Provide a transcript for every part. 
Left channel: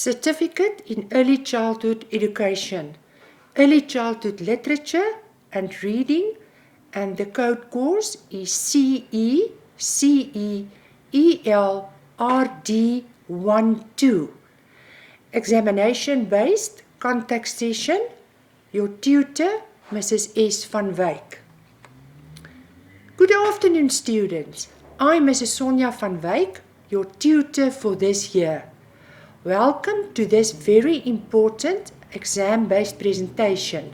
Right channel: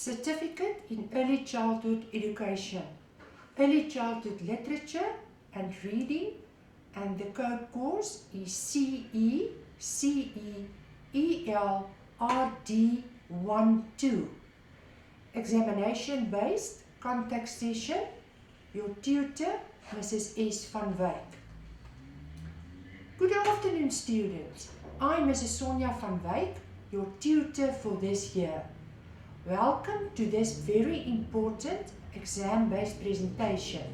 Certificate in Early Childhood Education, Early Childhood Literature and Reading, and the code course is ELRD12. Examination based contact session. Your tutor, Mrs. S. van Wyk. Good afternoon, students. I'm Mrs. Sonja van Wyk, your tutor for this year. Welcome to this very important exam-based presentation.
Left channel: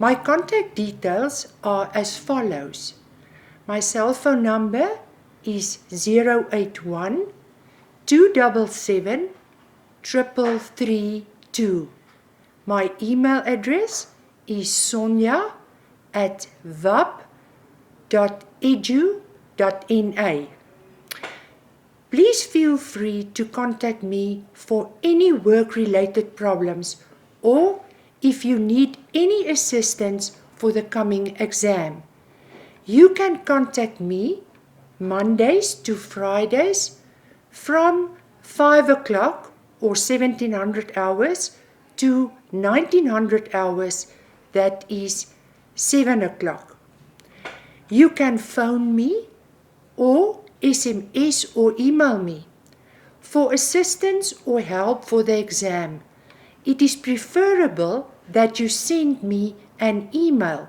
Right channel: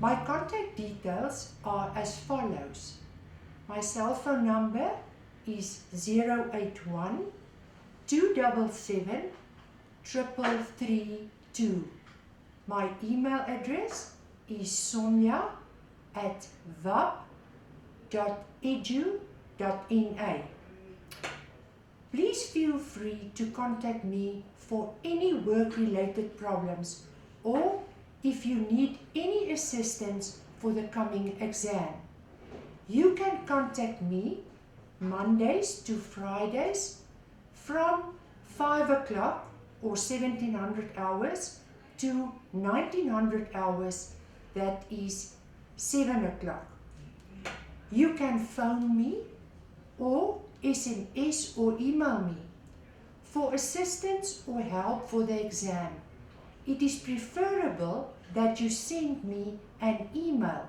My contact details are as follows. My cell phone number is 081 277 3332. My email address is sonia@wap.edu.na. Please feel free to contact me for any work-related problems or if you need any assistance for the coming exam. You can contact me Mondays to Fridays from 5 o'clock or 1700 hours to 1900 hours, that is 7 o'clock. You can phone me or SMS or email me for assistance or help for the exam. It is preferable that you send me an email.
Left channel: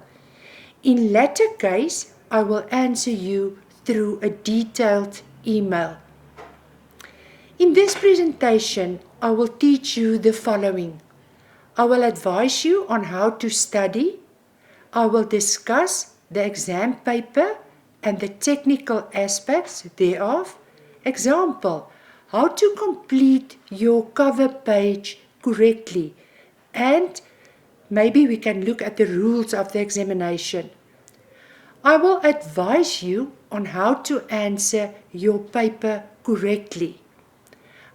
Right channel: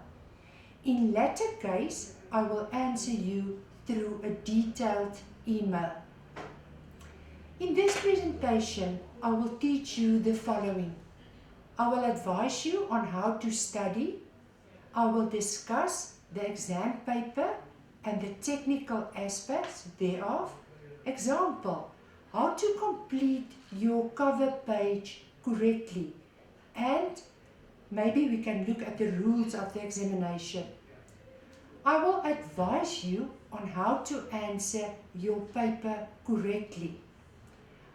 In latter case, I will answer you through a detailed email. In this presentation, I will teach you the following. I will advise you on how to study. I will discuss the exam paper and the technical aspects thereof. Example, how to complete your cover page correctly. And maybe we can look at the rules of the examination. I will advise you on how to answer your paper correctly.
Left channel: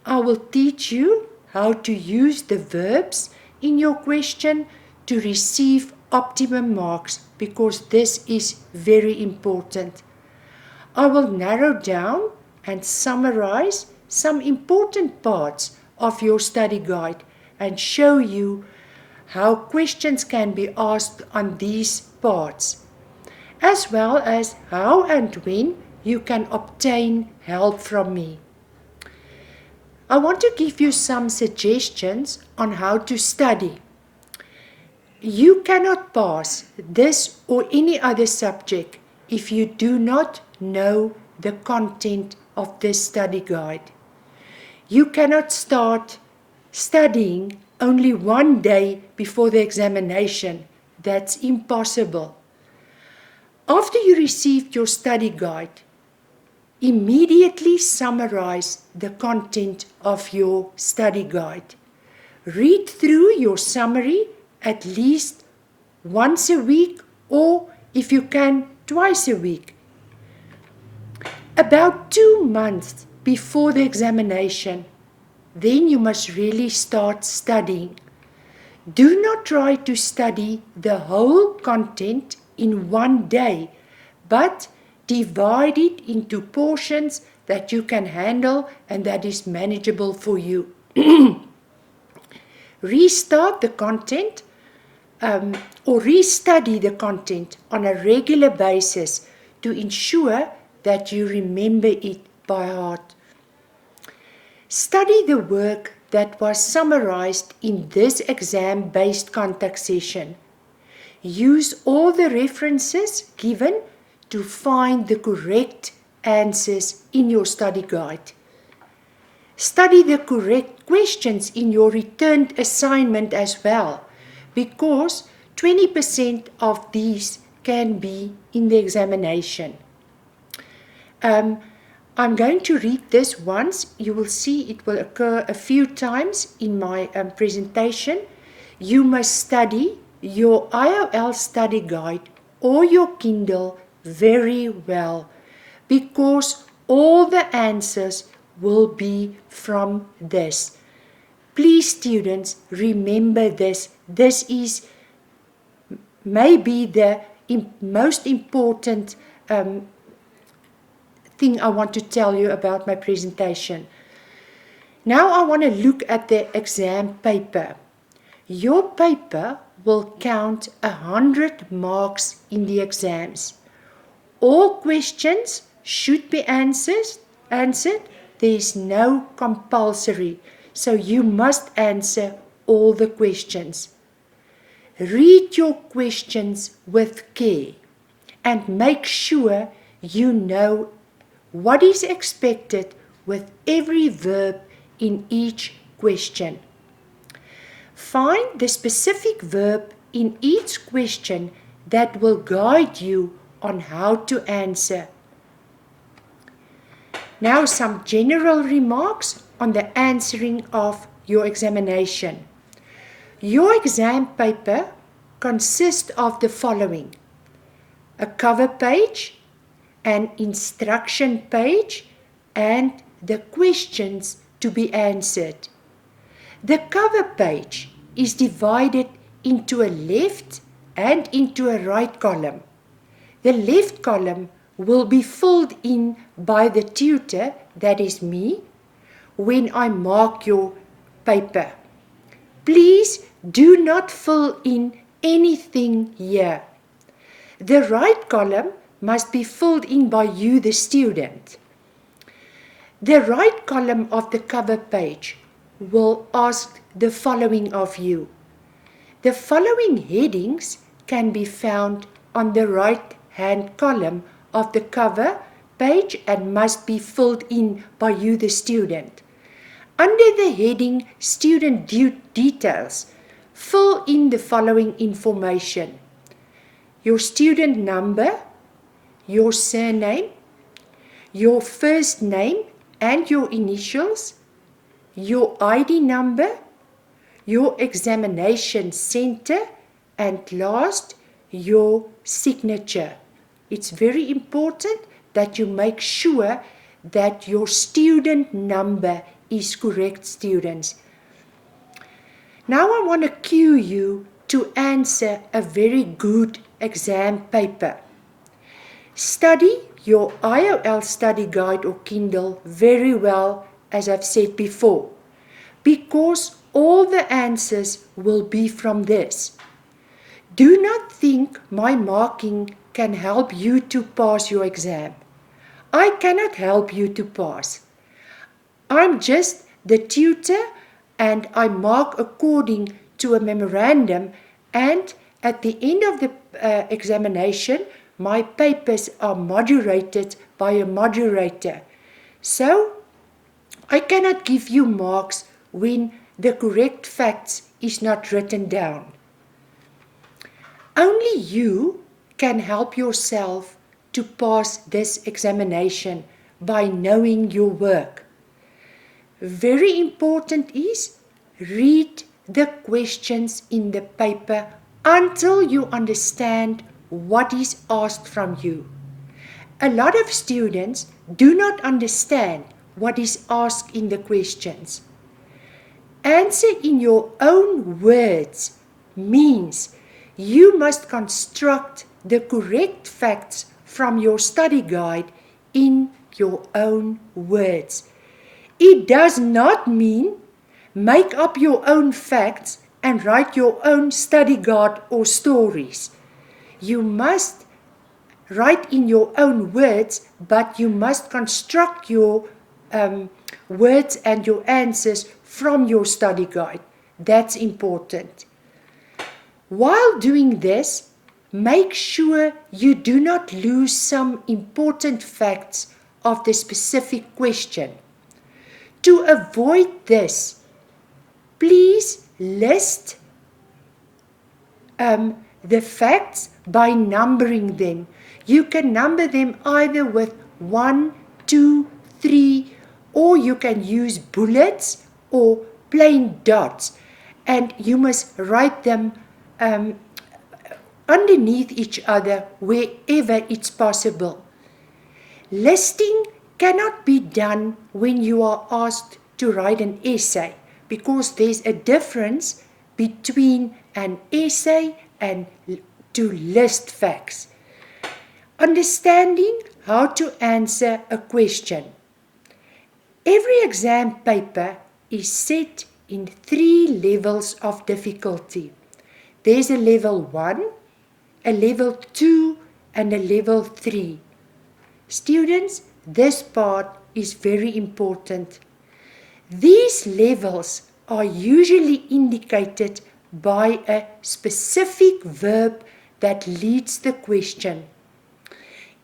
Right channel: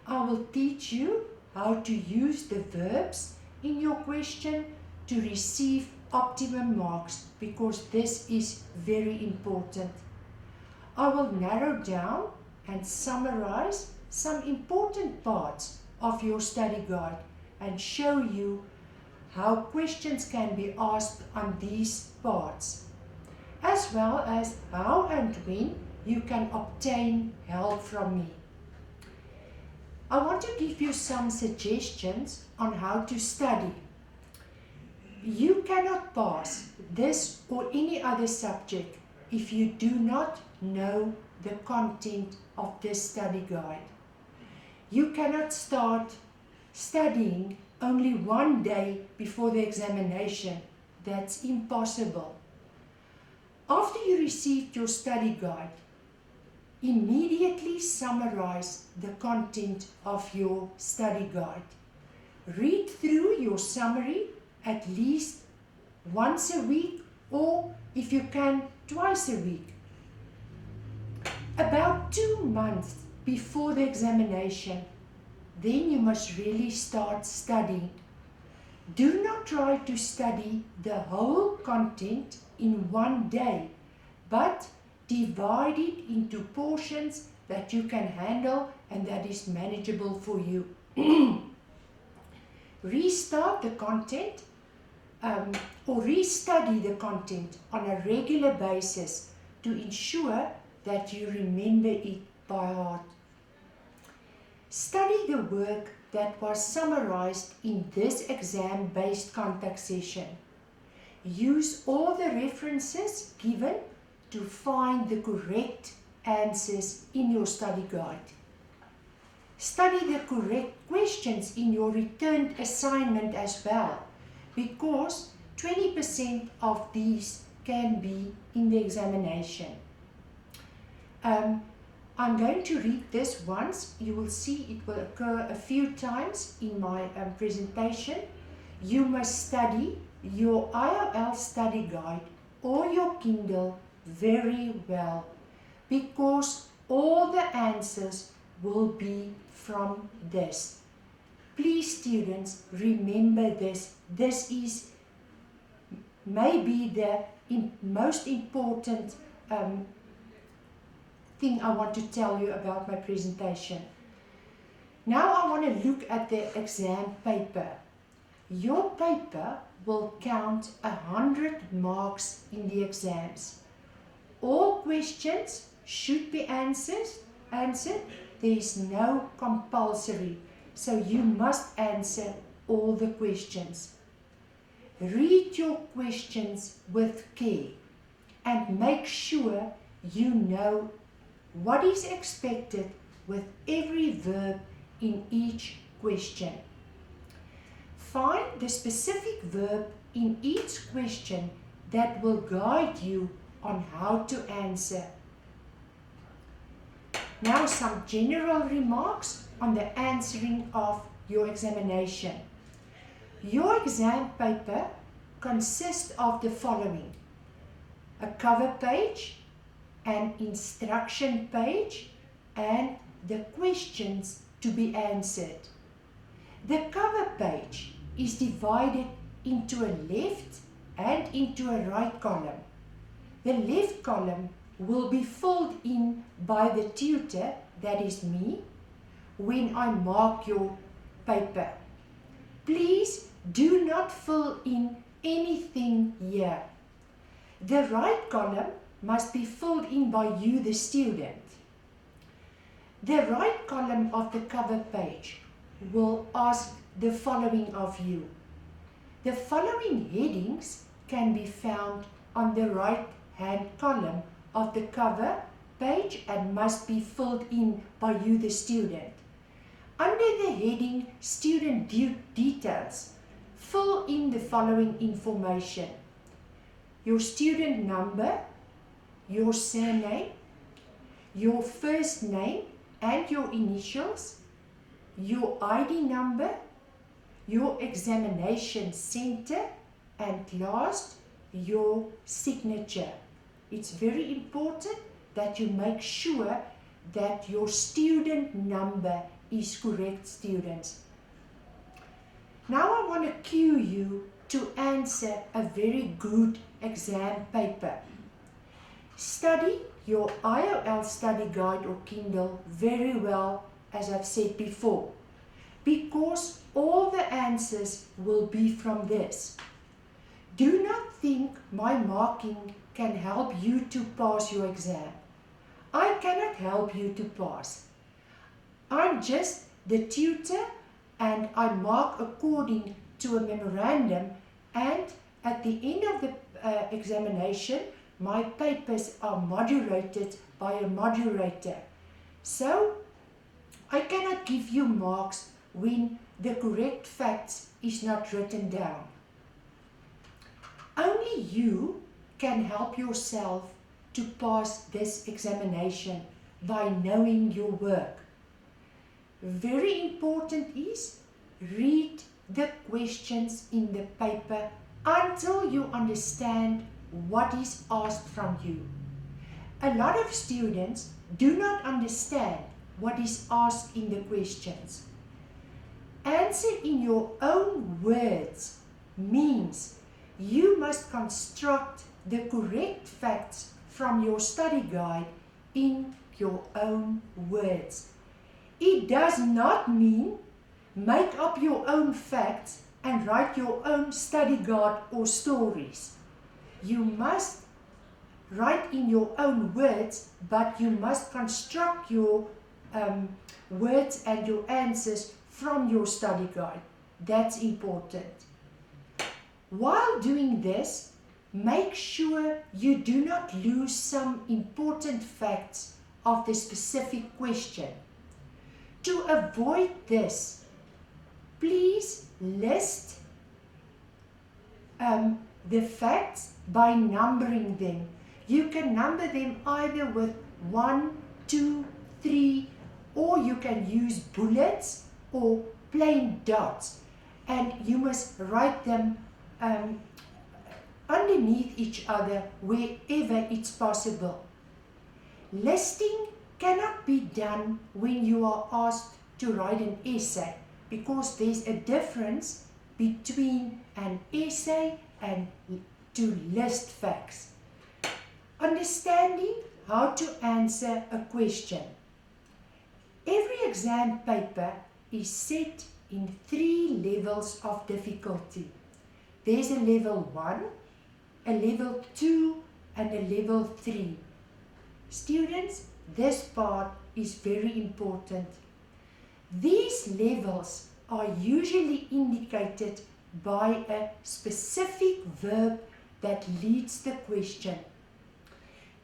I will teach you how to use the verbs in your question to receive optimum marks, because this is very important. I will narrow down and summarize some important parts of your study guide and show you how questions can be asked on these parts, as well as how and when you can obtain help from me. I want to give you some suggestions on how to study. You cannot pass this or any other subject if you do not know the content of this study guide. You cannot start studying only one day before the examination. That's impossible. After you received your study guide, immediately summarize the content of your study guide. Read through your summary at least once a week, or if you can, twice a week. About 2 months before the examination, then you must really start studying. Do not try to study the whole content in one day, but divide it into portions that you can handle and that is manageable for you. Restart the content or restudy the content on a regular basis to ensure that you remember it by heart. Study the work that was summarized in this exam-based contact session. Use all the references given to find the correct answers in your study guide. Study the correct questions in your returned assignment as well, because 20% of these can be in the examination. I'm going to read this once. You will see it will occur a few times in my presentation. You must study your IOL study guide or your Kindle very well, because all the answers will be from this. Please, students, remember this. This is maybe the most important thing I want to tell you about my presentation. Now I want to look at the exam paper. Your paper will count 100 marks in the exams. All questions should be answered. There is no compulsory, so you must answer all the questions. Read your questions with care and make sure you know what is expected with every verb in each question. Find the specific verb in each question that will guide you on how to answer. Now some general remarks on the answering of your examination. Your exam paper consists of the following: a cover page, an instruction page, and the questions to be answered. The cover page is divided into a left and into a right column. The left column will be filled in by the tutor, that is me, when I mark your paper. Please do not fill in anything here. The right column must be filled in by you, the student. The right column of the cover page will ask the following of you. The following headings can be found on the right-hand column of the cover page and must be filled in by you, the student. Under the heading Student Details, fill in the following information: your student number, your surname, your first name and your initials, your ID number, your examination center, and last, your signature. It's very important that you make sure that your student number is correct, students. Now I want to cue you to answer a very good exam paper. Study your IOL study guide or Kindle very well, as I've said before, because all the answers will be from this. Do not think my marking can help you to pass your exam. I cannot help you to pass. I'm just the tutor and I mark according to a memorandum, and at the end of the examination, my papers are moderated by a moderator. So, I cannot give you marks when the correct facts is not written down. Only you can help yourself to pass this examination by knowing your work. Very important is read the questions in the paper until you understand what is asked from you. A lot of students do not understand what is asked in the questions. Answer in your own words means you must construct the correct facts from your study guide in your own words. It does not mean make up your own facts and write your own study guide or stories. You must write in your own words, but you must construct your words and your answers from your study guide. That's important. While doing this, make sure you do not lose some important facts of the specific question. To avoid this, please list the facts by numbering them. You can number them either with 1, 2, 3, or you can use bullets or plain dots. And you must write them underneath each other wherever it's possible. Listing cannot be done when you are asked to write an essay, because there's a difference between an essay and to list facts. Understanding how to answer a question. Every exam paper is set in 3 levels of difficulty. There's a level 1, a level 2, and a level 3. Students, this part is very important. These levels are usually indicated by a specific verb that leads the question.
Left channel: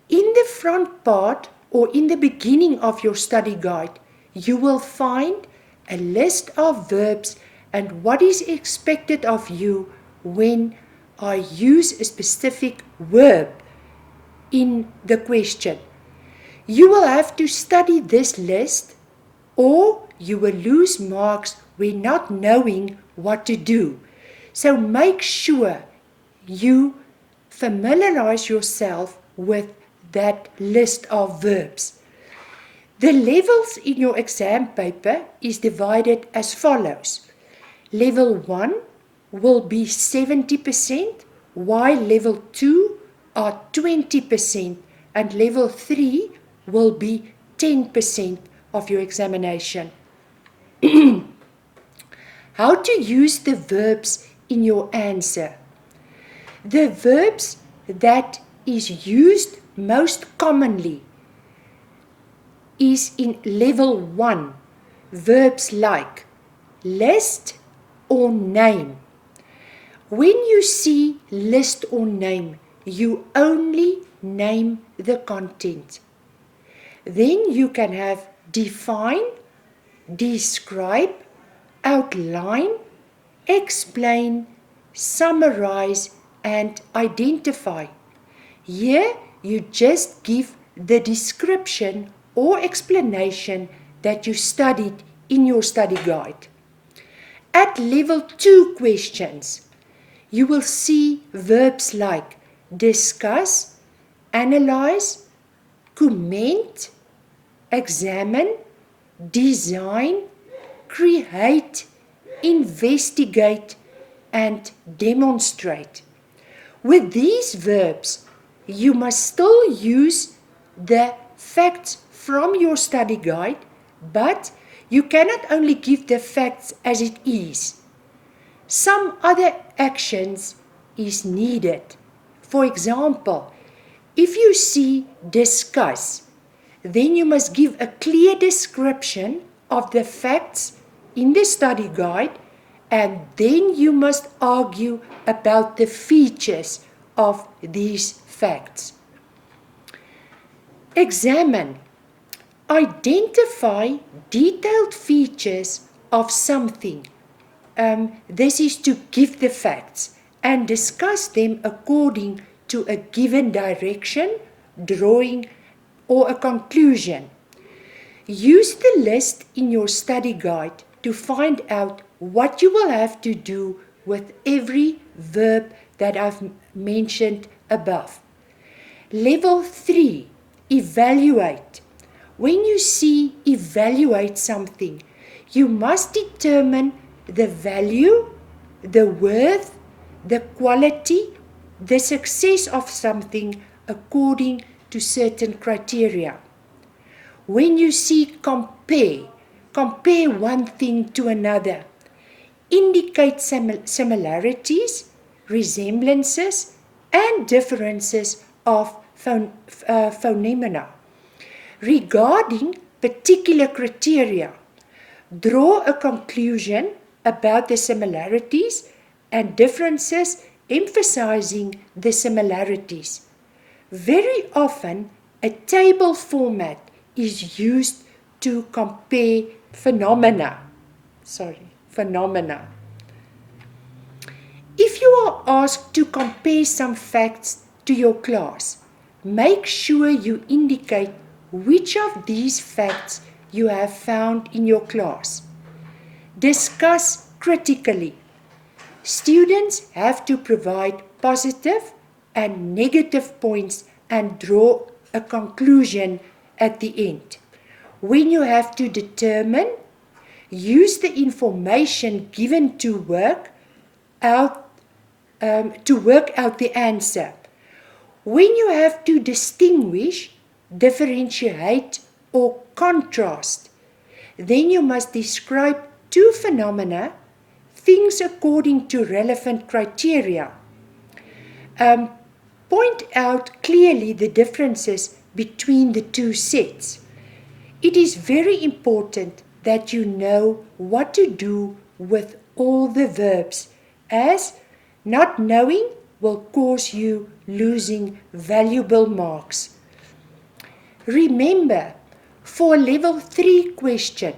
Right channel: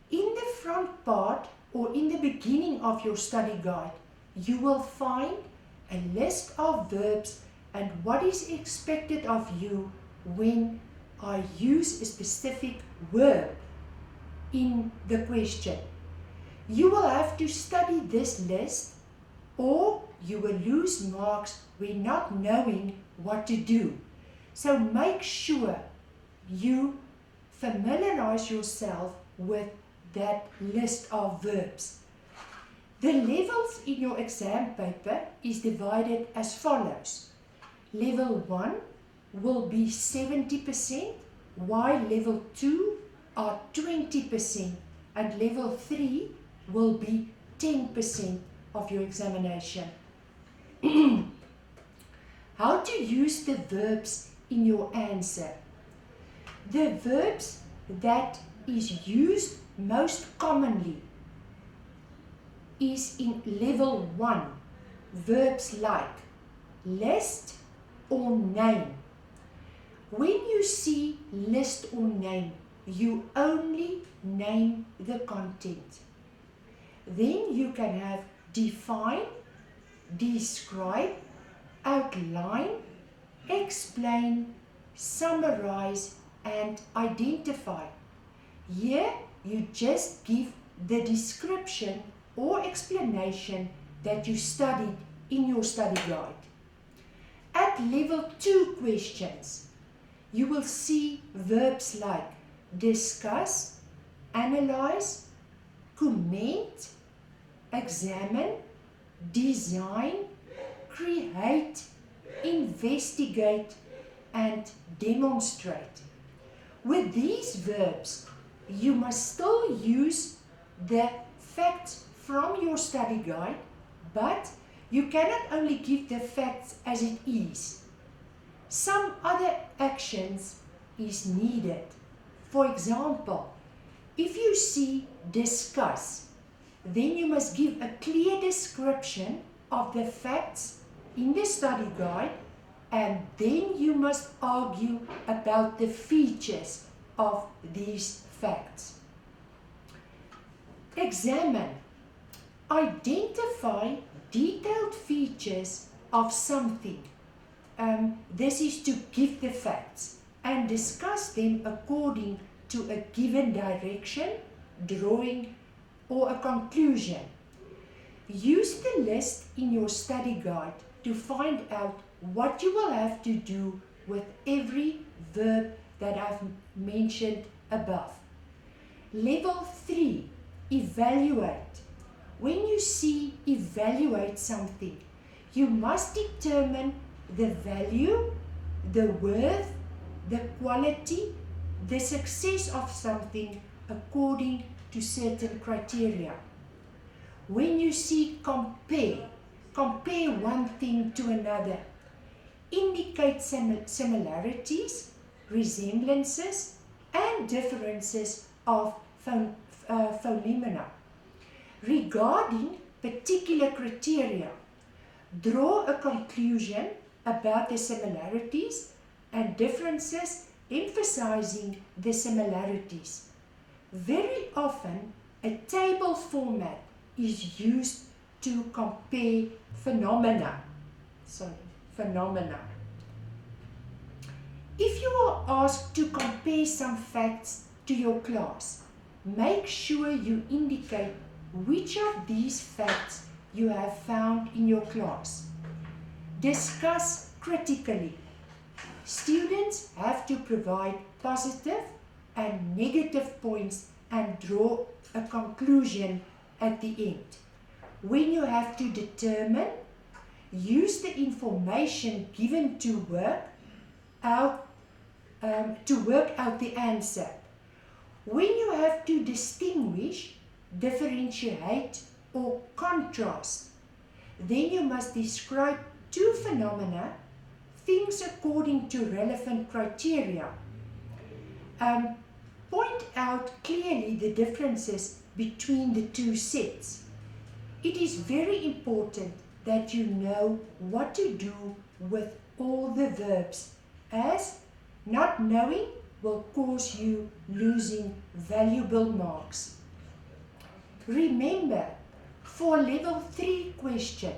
In the front part or in the beginning of your study guide, you will find a list of verbs and what is expected of you when I use a specific verb in the question. You will have to study this list or you will lose marks when not knowing what to do. So make sure you familiarize yourself with that list of verbs. The levels in your exam paper is divided as follows. Level 1 will be 70%, while level 2 are 20%, and level 3 will be 10% of your examination. How to use the verbs in your answer. The verbs that is used most commonly is in level 1, verbs like list or name. When you see list or name, you only name the content. Then you can have define, describe, outline, explain, summarize, and identify. Here you just give the description or explanation that you studied in your study guide. At level 2 questions, you will see verbs like discuss, analyze, comment, examine, design, create, investigate, and demonstrate. With these verbs, you must still use the facts from your study guide, but you cannot only give the facts as it is. Some other actions is needed. For example, if you see discuss, then you must give a clear description of the facts in the study guide, and then you must argue about the features of these facts. Examine. Identify detailed features of something. This is to give the facts and discuss them according to a given direction, drawing, or a conclusion. Use the list in your study guide to find out what you will have to do with every verb that I've mentioned above. Level 3, evaluate. When you see evaluate something, you must determine the value, the worth, the quality, the success of something according to certain criteria. When you see compare one thing to another. Indicate similarities, resemblances, and differences of phenomena. Regarding particular criteria, draw a conclusion about the similarities and differences, emphasizing the similarities. Very often, a table format is used to compare phenomena. If you are asked to compare some facts to your class, make sure you indicate which of these facts you have found in your class. Discuss critically. Students have to provide positive and negative points and draw a conclusion at the end. When you have to determine, use the information given to work out the answer. When you have to distinguish, differentiate, or contrast, then you must describe two phenomena, things according to relevant criteria. Point out clearly the differences between the two sets. It is very important that you know what to do with all the verbs, as not knowing will cause you losing valuable marks. Remember, for level 3 question,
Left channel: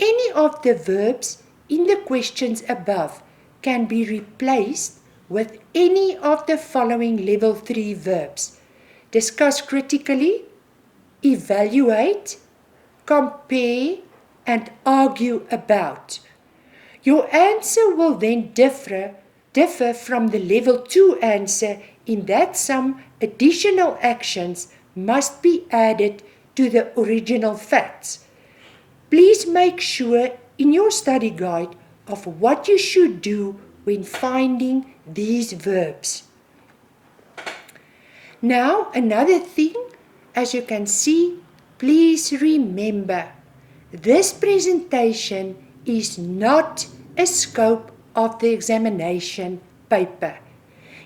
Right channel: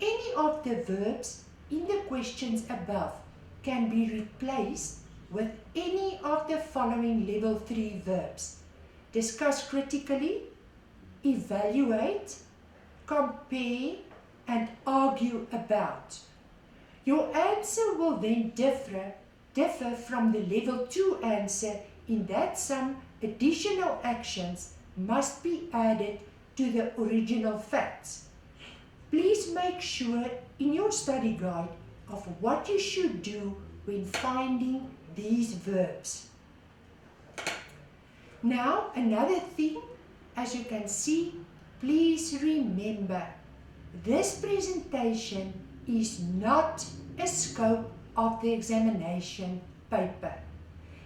any of the verbs in the questions above can be replaced with any of the following level 3 verbs. Discuss critically, evaluate, compare, and argue about. Your answer will then differ from the level 2 answer in that some additional actions must be added to the original facts. Please make sure in your study guide of what you should do when finding these verbs. Now, another thing, as you can see, please remember, this presentation is not a scope of the examination paper.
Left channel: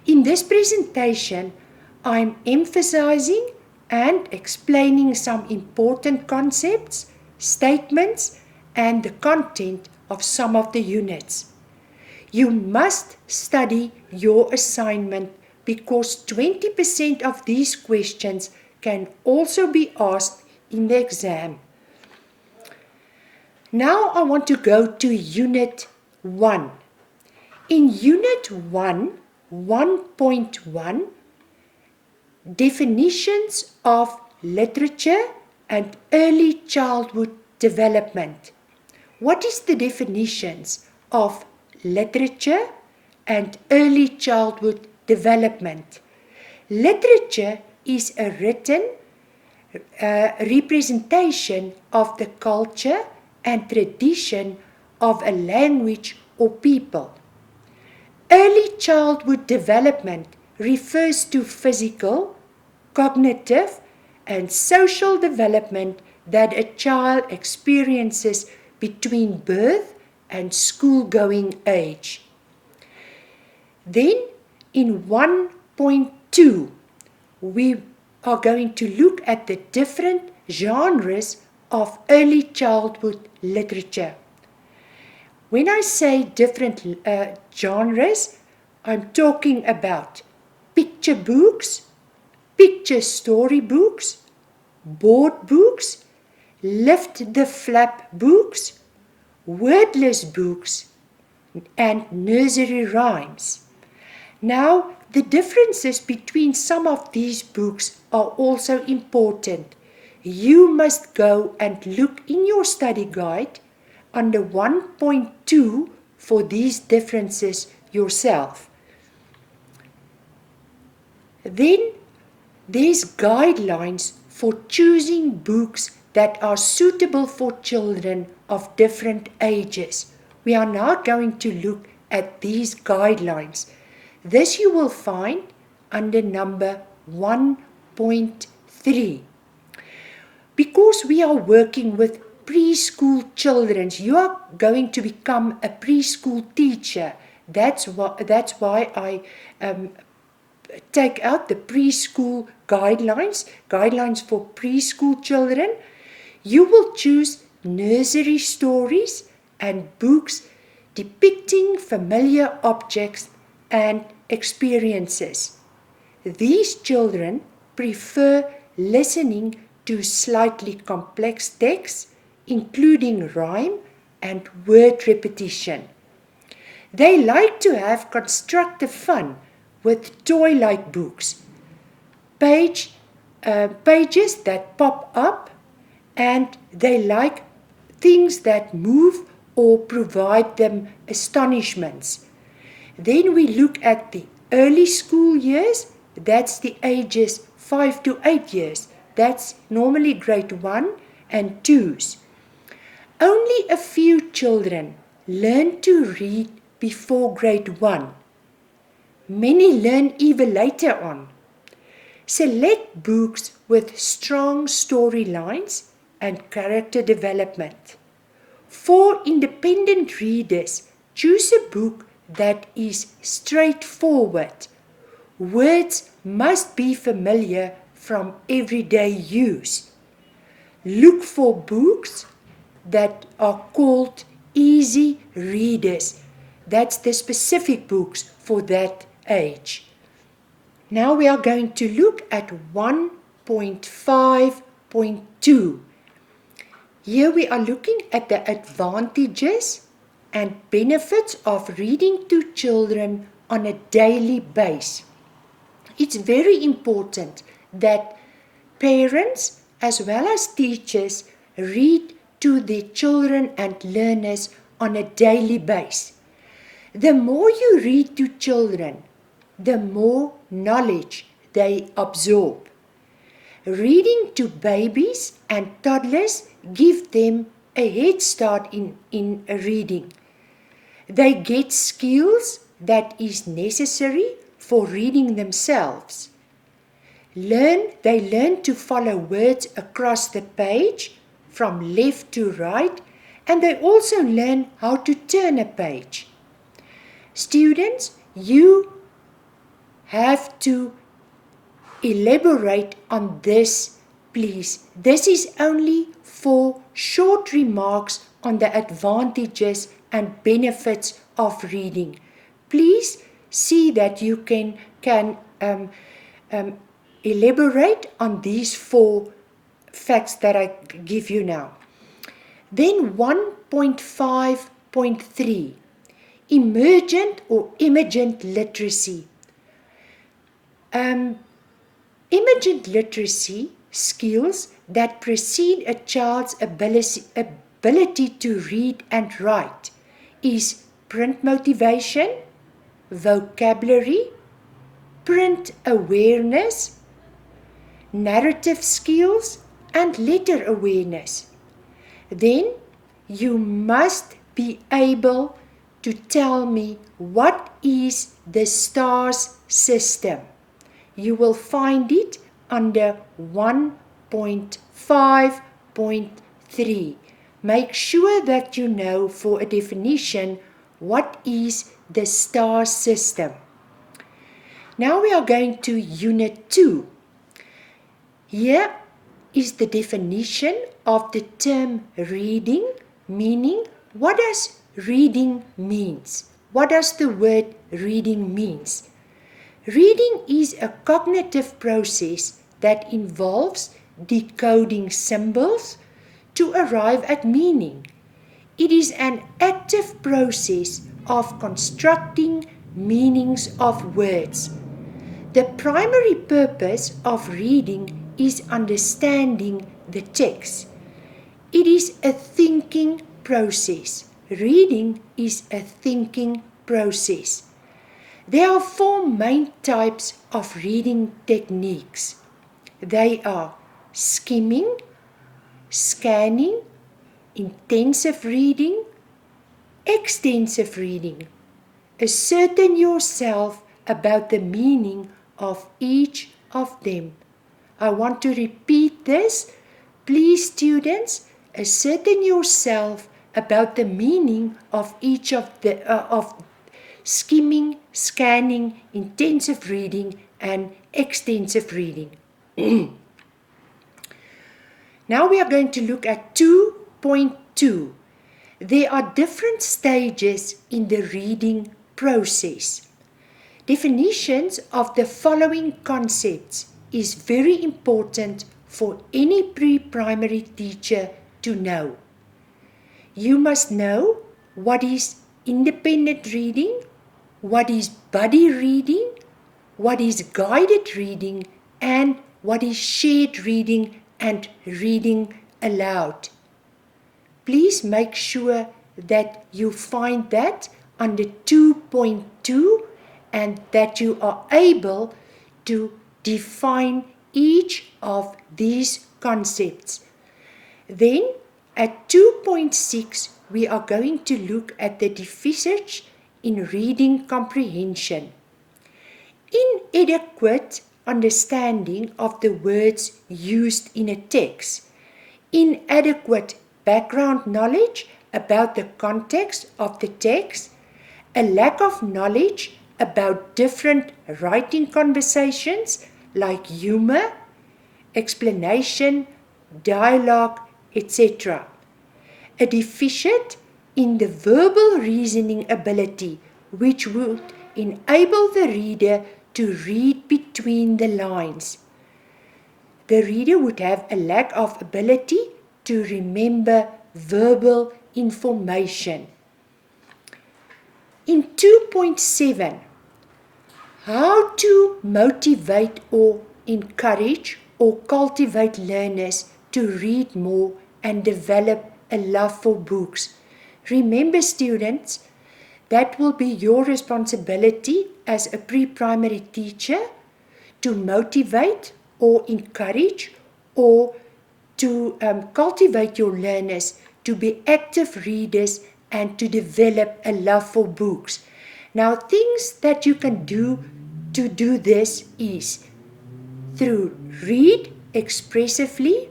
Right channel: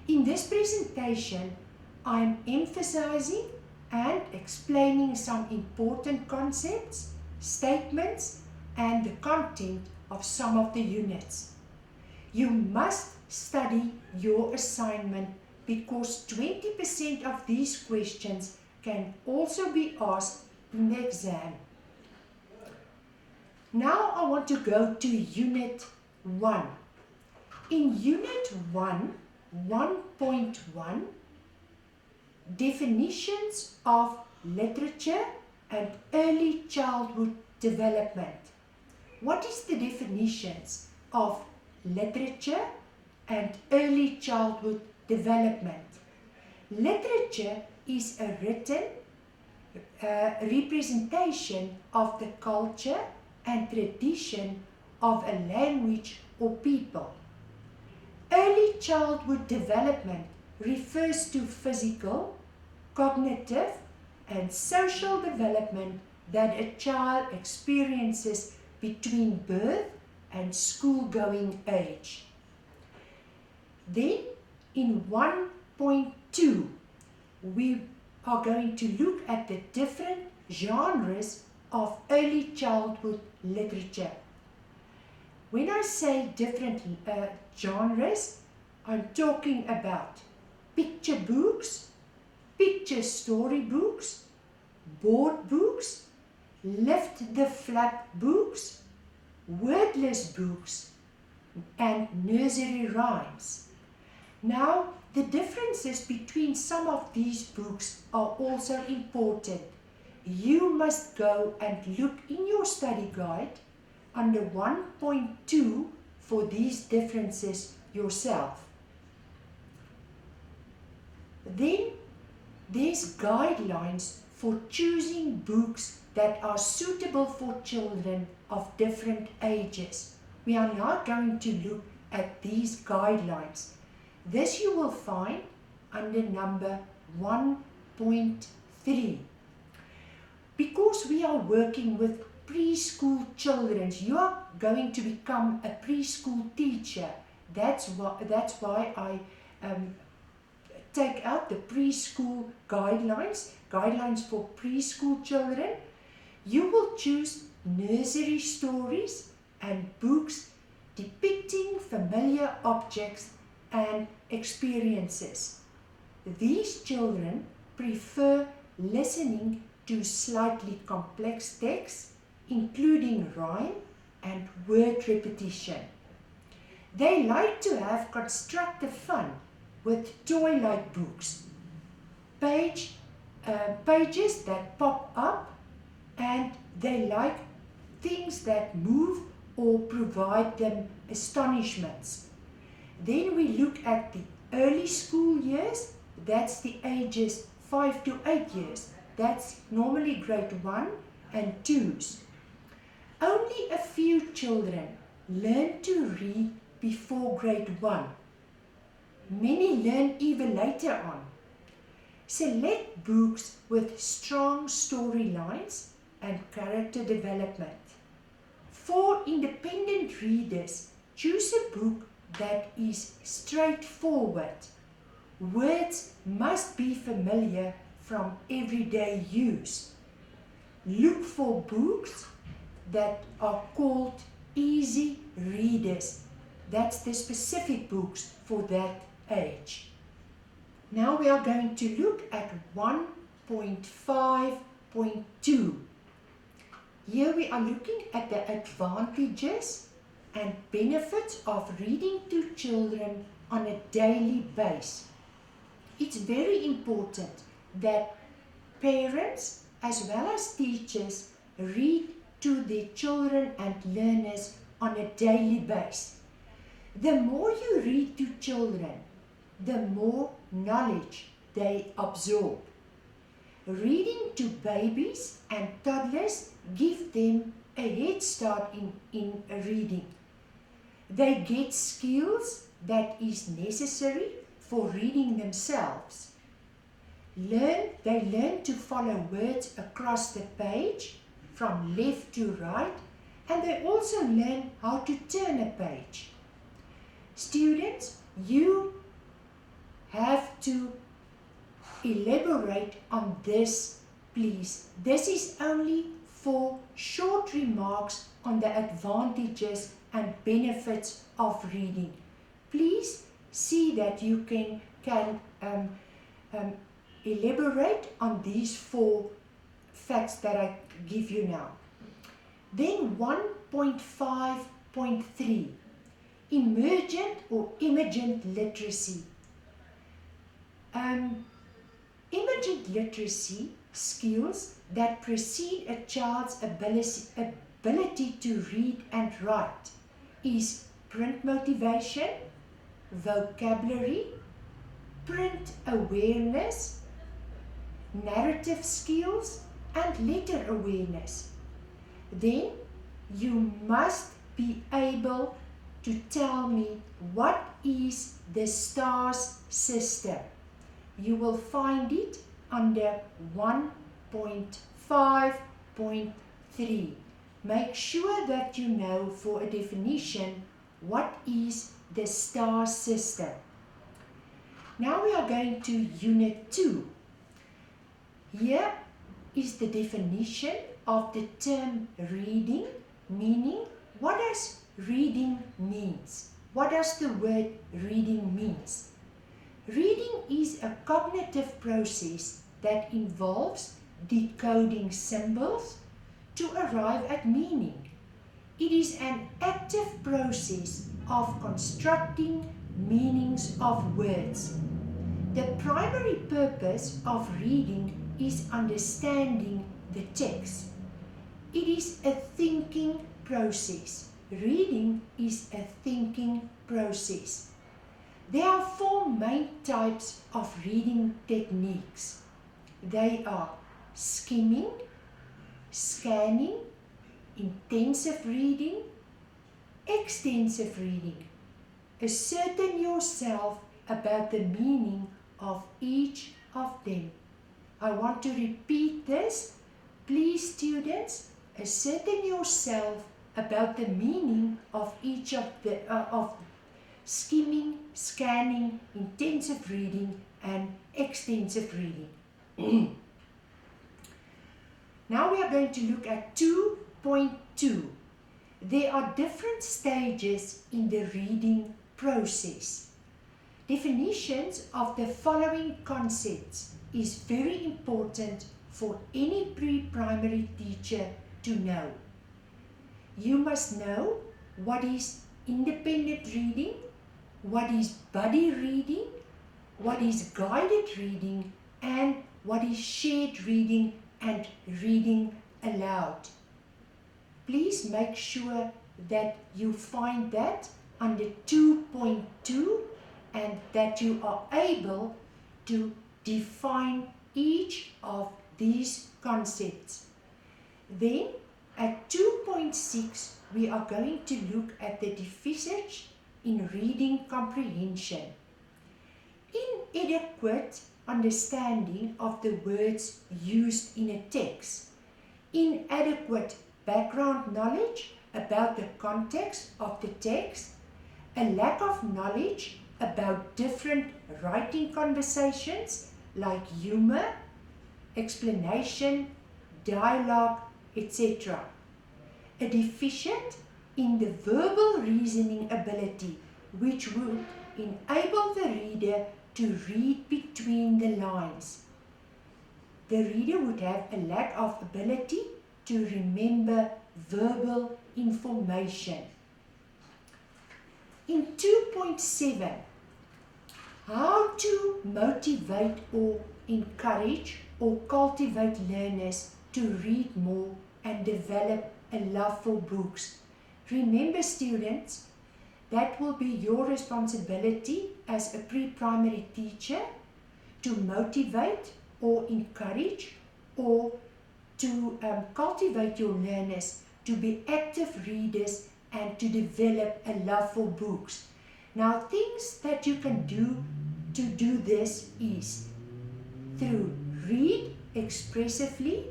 In this presentation, I'm emphasizing and explaining some important concepts, statements, and the content of some of the units. You must study your assignment because 20% of these questions can also be asked in the exam. Now I want to go to Unit 1. In Unit 1, 1.1, definitions of literature and early childhood development. What is the definitions of literature and early childhood development? Literature is a written representation of the culture and tradition of a language or people. Early childhood development refers to physical, cognitive, and social development that a child experiences between birth and school-going age. Then, in 1.2, we are going to look at the different genres of early childhood literature. When I say different genres, I'm talking about picture books, picture story books, board books, lift the flap books, wordless books, and nursery rhymes. Now, the differences between some of these books are also important. You must go and look in your study guide under 1.2 for these differences yourself. Then there's guidelines for choosing books that are suitable for children of different ages. We are now going to look at these guidelines. This you will find under number 1.3. Because we are working with preschool children, you are going to become a preschool teacher. That's why I take out the preschool guidelines for preschool children. You will choose nursery stories and books depicting familiar objects and experiences. These children prefer listening to slightly complex texts, including rhyme and word repetition. They like to have constructive fun with toy-like books, pages that pop up, and they like things that move or provide them astonishments. Then we look at the early school years, that's the ages 5 to 8 years. That's normally grade 1 and 2s. Only a few children learn to read before grade 1. Many learn even later on. Select books with strong storylines and character development. For independent readers, choose a book that is straightforward. Words must be familiar from everyday use. Look for books that are called easy readers. That's the specific books for that age. Now we are going to look at 1.5.2. Here we are looking at the advantages and benefits of reading to children on a daily basis. It's very important that parents as well as teachers read to their children and learners on a daily basis. The more you read to children, the more knowledge they absorb. Reading to babies and toddlers give them a head start in reading. They get skills that is necessary for reading themselves. They learn to follow words across the page from left to right, and they also learn how to turn a page. Students, you have to elaborate on this, please. This is only for short remarks on the advantages and benefits of reading. Please see that you can elaborate on these 4 facts that I give you now. Then 1.5.3, emergent or emergent literacy. Emergent literacy skills that precede a child's ability to read and write is print motivation, vocabulary, print awareness, narrative skills, and letter awareness. Then you must be able to tell me what is the STARS system. You will find it under 1.5.3. Make sure that you know for a definition what is the STARS system. Now we are going to Unit 2. Here is the definition of the term reading, meaning what does reading means? What does the word reading means? Reading is a cognitive process that involves decoding symbols to arrive at meaning. It is an active process of constructing meanings of words. The primary purpose of reading is understanding the text. It is a thinking process. Reading is a thinking process. There are 4 main types of reading techniques. They are skimming, scanning, intensive reading, extensive reading. Ascertain yourself about the meaning of each of them. I want to repeat this. Please, students, ascertain yourself about the meaning of each of the of skimming, scanning, intensive reading, and extensive reading. Now we are going to look at 2.2. There are different stages in the reading process. Definitions of the following concepts is very important for any pre-primary teacher to know. You must know what is independent reading, what is buddy reading, what is guided reading, and what is shared reading and reading aloud. Please make sure that you find that under 2.2 and that you are able to define each of these concepts. Then at 2.6 we are going to look at the deficits in reading comprehension. Inadequate understanding of the words used in a text, inadequate background knowledge about the context of the text, a lack of knowledge about different writing conversations like humor, explanation, dialogue, etc. A deficit in the verbal reasoning ability, which would enable the reader to read between the lines. The reader would have a lack of ability to remember verbal information. In 2.7, how to motivate or encourage or cultivate learners to read more and develop a love for books. Remember, students, that will be your responsibility as a pre-primary teacher to motivate or encourage or to cultivate your learners to be active readers and to develop a love for books. Now, things that you can do to do this is through read expressively,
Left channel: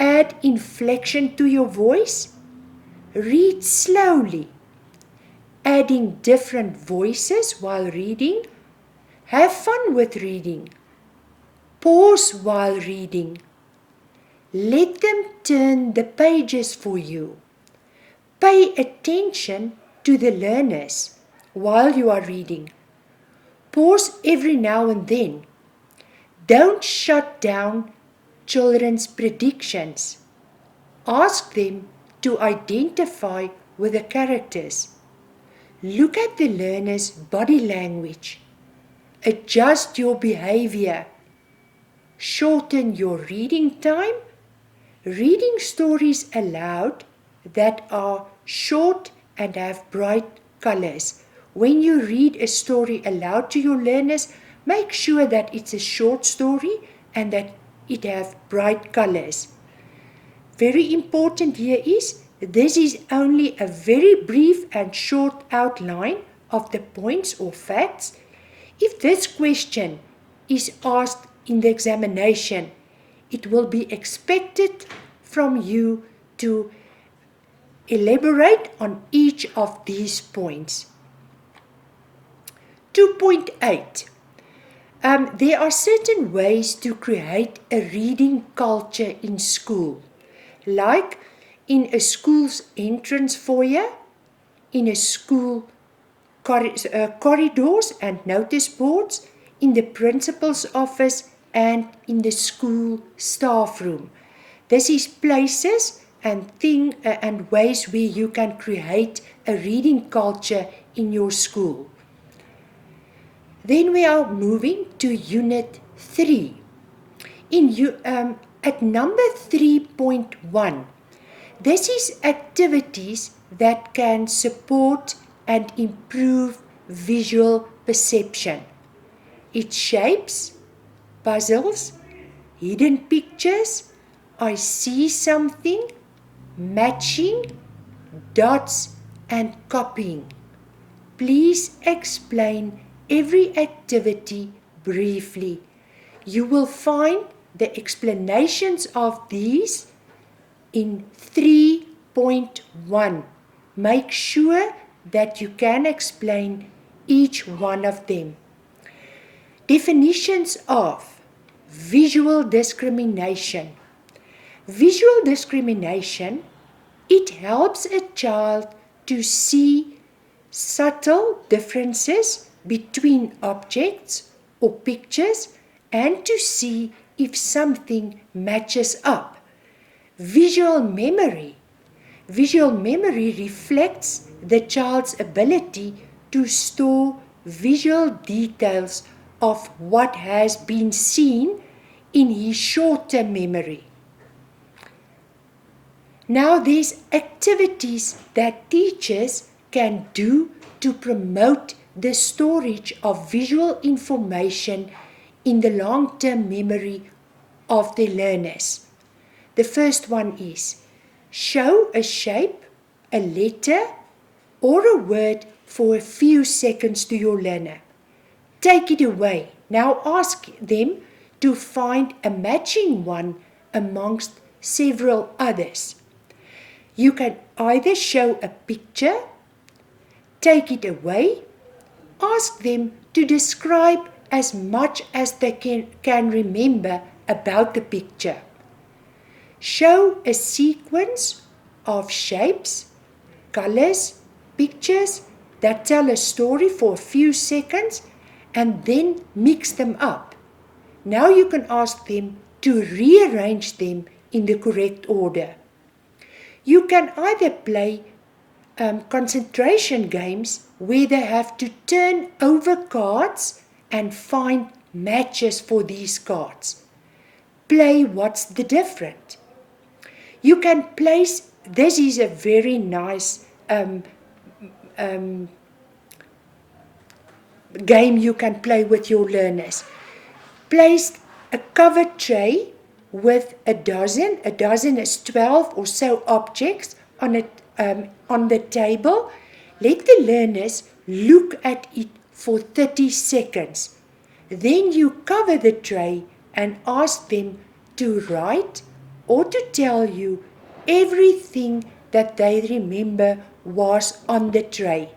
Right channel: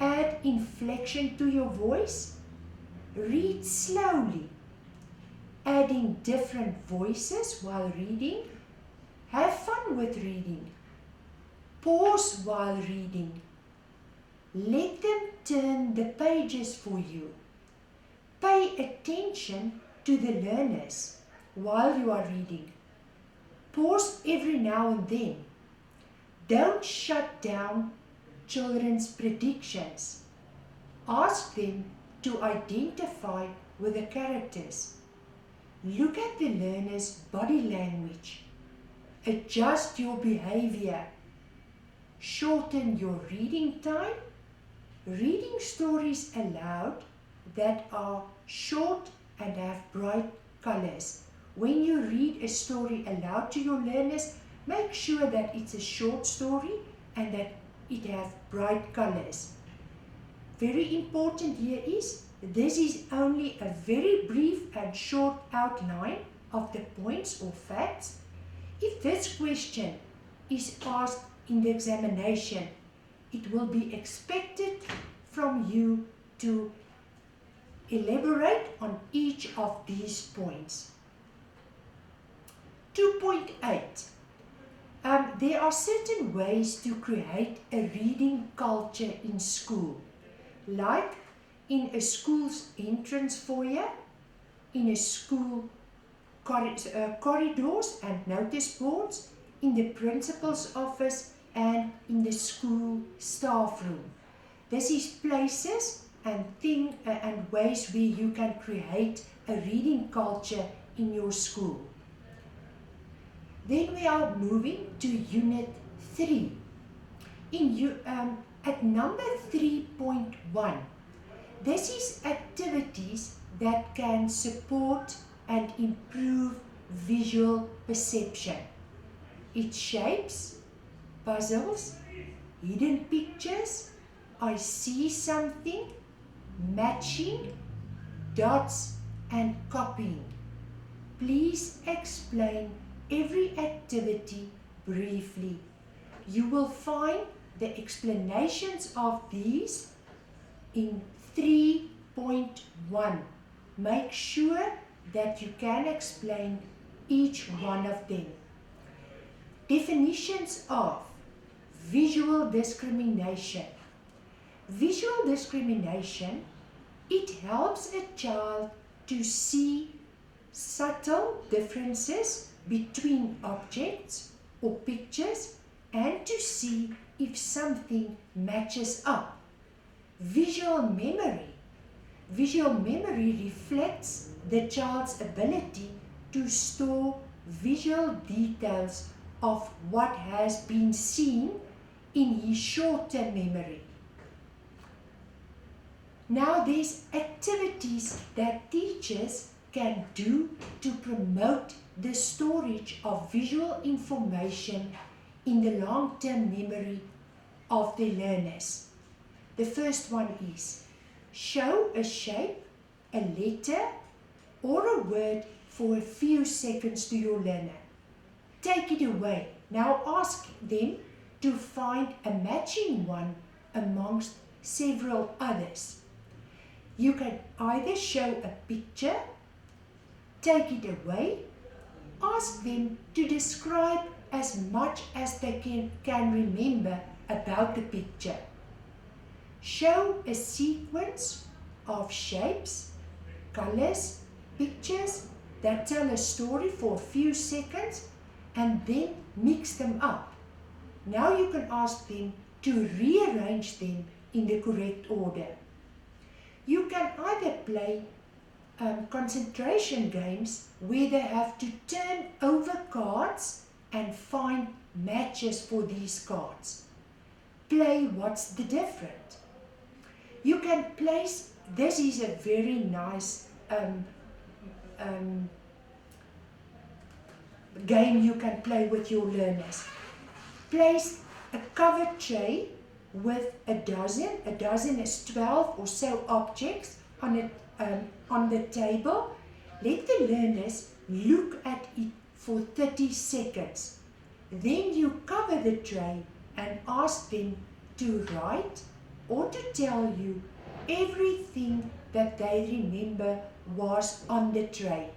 add inflection to your voice, read slowly, adding different voices while reading, have fun with reading, pause while reading, let them turn the pages for you, pay attention to the learners while you are reading, pause every now and then, don't shut down children's predictions, ask them to identify with the characters, look at the learner's body language, adjust your behavior, shorten your reading time, reading stories aloud that are short and have bright colors. When you read a story aloud to your learners, make sure that it's a short story and that it has bright colors. Very important here is, this is only a very brief and short outline of the points or facts. If this question is asked in the examination, it will be expected from you to elaborate on each of these points. 2.8. There are certain ways to create a reading culture in school, like in a school's entrance foyer, in a school corridors and notice boards, in the principal's office, and in the school staff room. This is places and ways where you can create a reading culture in your school. Then we are moving to Unit 3. At number 3.1, this is activities that can support and improve visual perception. It's shapes, puzzles, hidden pictures, I see something, matching, dots, and copying. Please explain every activity briefly. You will find the explanations of these in 3.1. Make sure that you can explain each one of them. Definitions of visual discrimination. Visual discrimination, it helps a child to see subtle differences between objects or pictures and to see if something matches up. Visual memory. Visual memory reflects the child's ability to store visual details of what has been seen in his short-term memory. Now there's activities that teachers can do to promote the storage of visual information in the long-term memory of the learners. The first one is show a shape, a letter, or a word for a few seconds to your learner. Take it away. Now ask them to find a matching one amongst several others. You can either show a picture, take it away, ask them to describe as much as they can remember about the picture. Show a sequence of shapes, colors, pictures that tell a story for a few seconds and then mix them up. Now you can ask them to rearrange them in the correct order. You can either play concentration games where they have to turn over cards and find matches for these cards. Play what's the difference. You can place, this is a very nice game you can play with your learners. Place a covered tray with a dozen is 12 or so objects on the table. Let the learners look at it for 30 seconds. Then you cover the tray and ask them to write or to tell you everything that they remember was on the tray.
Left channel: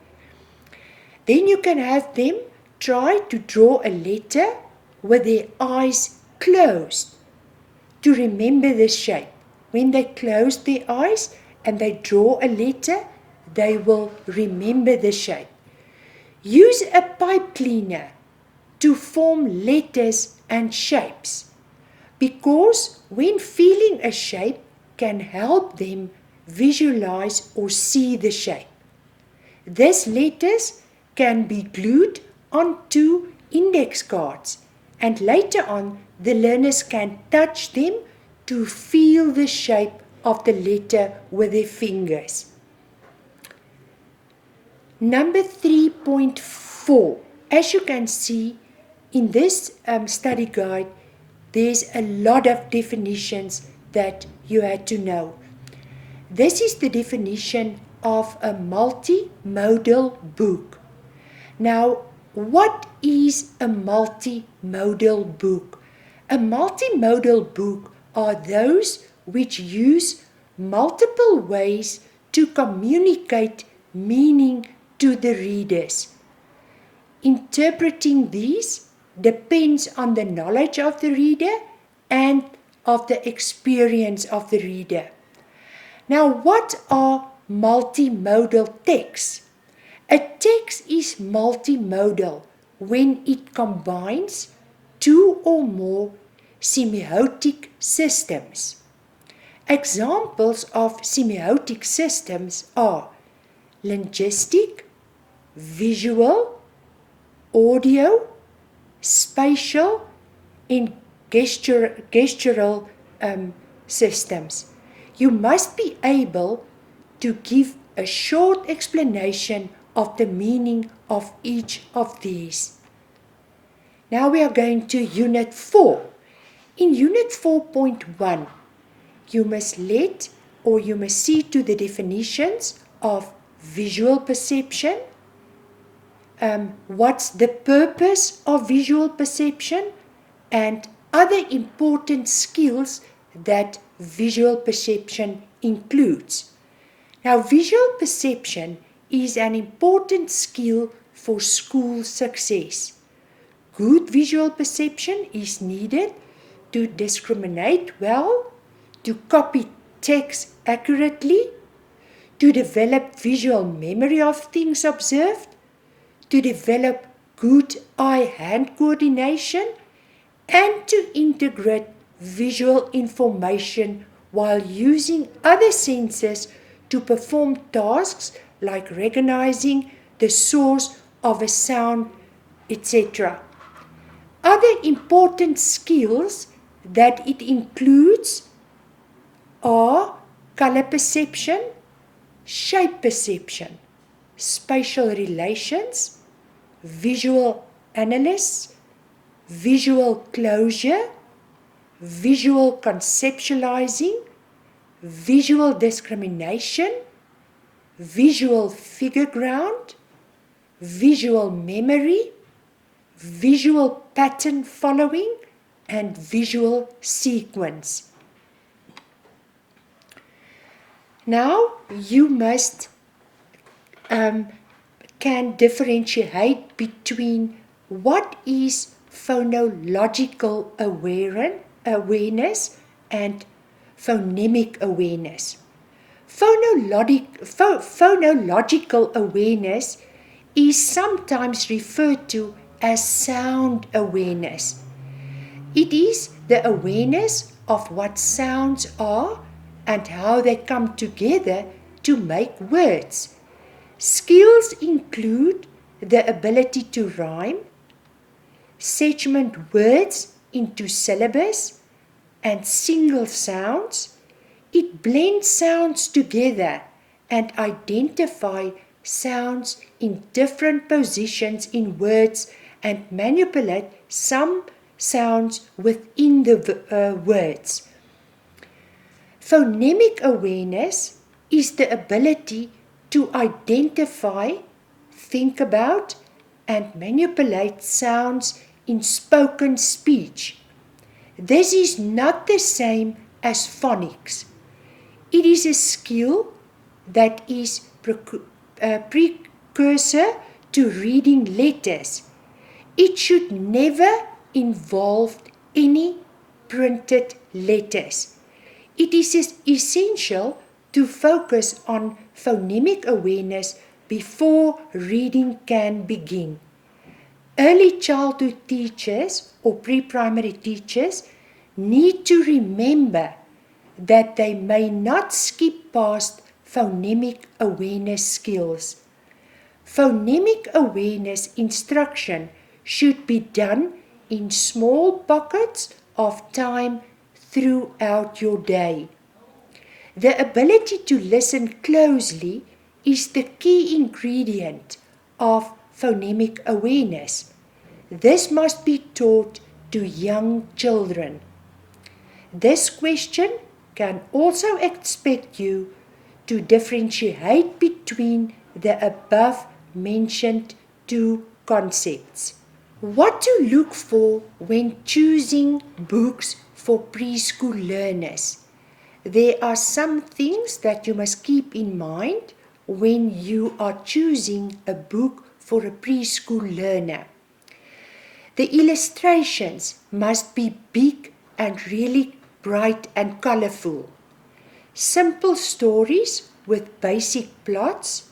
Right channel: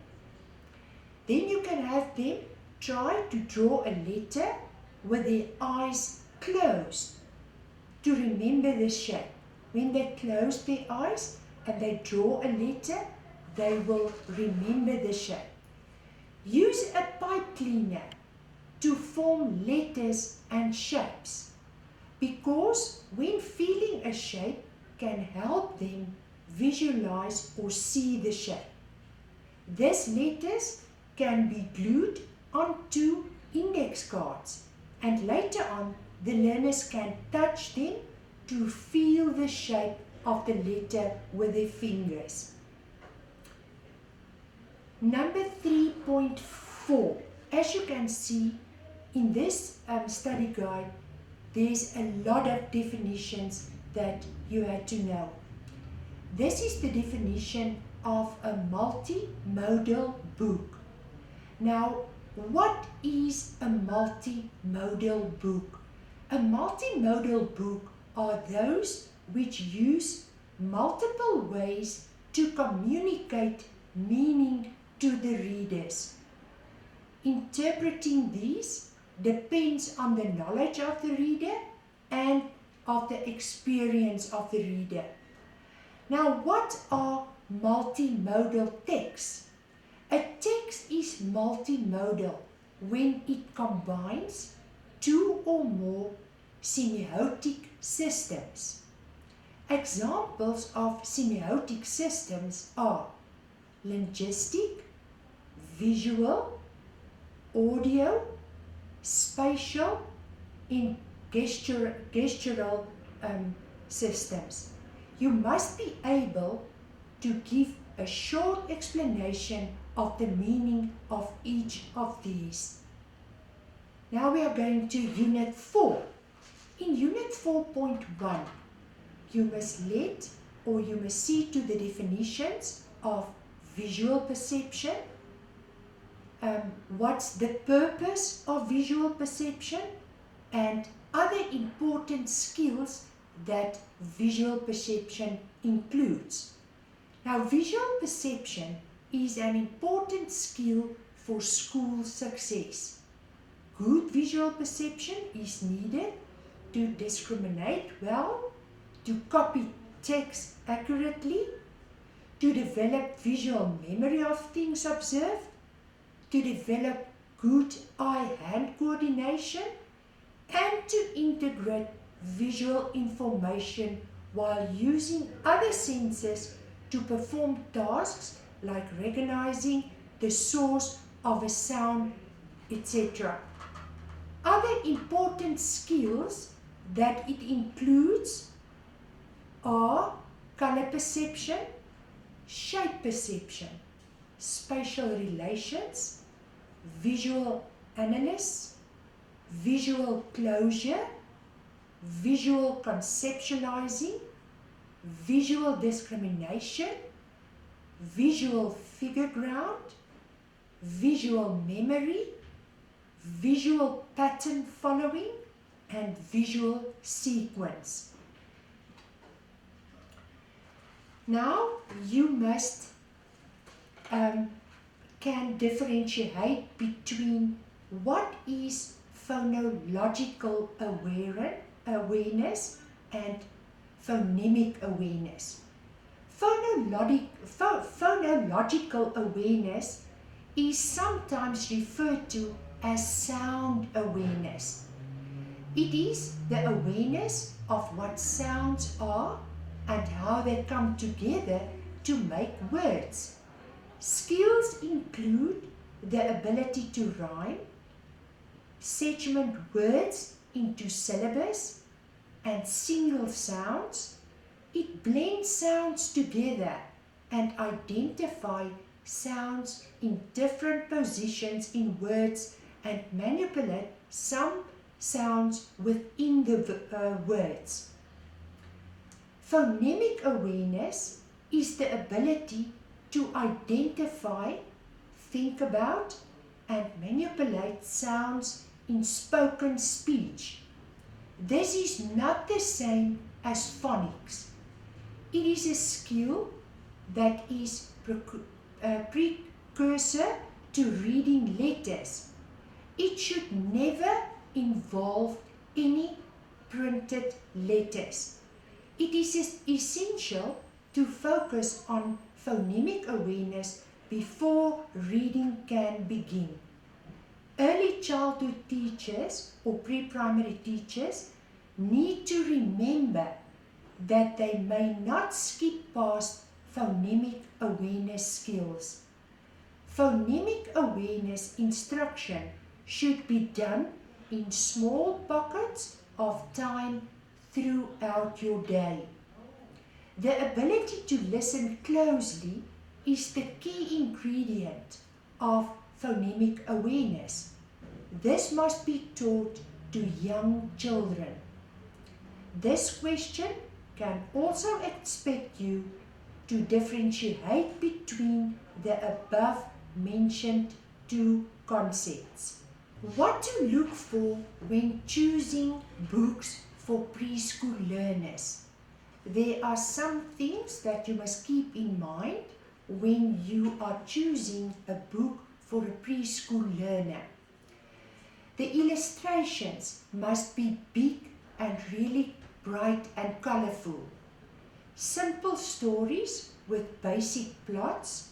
Then you can have them try to draw a letter with their eyes closed to remember the shape. When they close their eyes and they draw a letter, they will remember the shape. Use a pipe cleaner to form letters and shapes, because when feeling a shape can help them visualize or see the shape. These letters can be glued onto index cards, and later on the learners can touch them to feel the shape of the letter with their fingers. Number 3.4. As you can see in this study guide, there's a lot of definitions that you had to know. This is the definition of a multimodal book. Now, what is a multimodal book? A multimodal book are those which use multiple ways to communicate meaning to the readers. Interpreting these depends on the knowledge of the reader and of the experience of the reader. Now, what are multimodal texts? A text is multimodal when it combines two or more semiotic systems. Examples of semiotic systems are linguistic, visual, audio, spatial, and gestural systems. You must be able to give a short explanation of the meaning of each of these. Now we are going to Unit 4. In Unit 4.1, you must see to the definitions of visual perception, what's the purpose of visual perception, and other important skills that visual perception includes. Now, visual perception is an important skill for school success. Good visual perception is needed to discriminate well, to copy text accurately, to develop visual memory of things observed, to develop good eye-hand coordination, and to integrate visual information while using other senses to perform tasks like recognizing the source of a sound, etc. Other important skills that it includes are color perception, shape perception, spatial relations, visual analysis, visual closure, visual conceptualizing, visual discrimination, visual figure ground, visual memory, visual pattern following, and visual sequence. Now you must can differentiate between what is phonological awareness and phonemic awareness. Phonological awareness is sometimes referred to as sound awareness. It is the awareness of what sounds are and how they come together to make words. Skills include the ability to rhyme, segment words into syllables and single sounds. It blends sounds together and identify sounds in different positions in words and manipulate some sounds within the words. Phonemic awareness is the ability to identify, think about, and manipulate sounds in spoken speech. This is not the same as phonics. It is a skill that is precursor to reading letters. It should never involve any printed letters. It is essential to focus on phonemic awareness before reading can begin. Early childhood teachers or pre-primary teachers need to remember that they may not skip past phonemic awareness skills. Phonemic awareness instruction should be done in small pockets of time throughout your day. The ability to listen closely is the key ingredient of phonemic awareness. This must be taught to young children. This question can also expect you to differentiate between the above mentioned two concepts. What to look for when choosing books for preschool learners. There are some things that you must keep in mind when you are choosing a book for a preschool learner. The illustrations must be big and really bright and colorful. Simple stories with basic plots.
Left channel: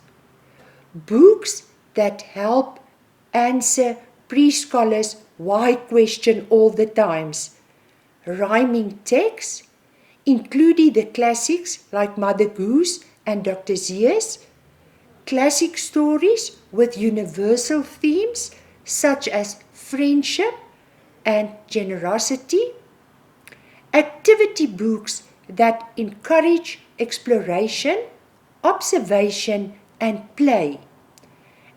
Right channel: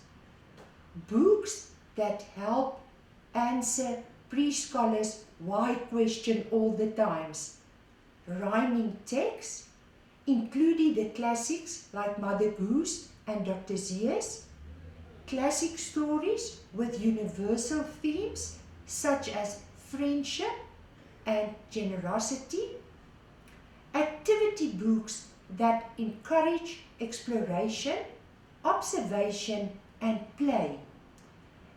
Books that help answer preschoolers' why question all the times. Rhyming texts, including the classics like Mother Goose and Dr. Seuss. Classic stories with universal themes such as friendship and generosity. Activity books that encourage exploration, observation, and play.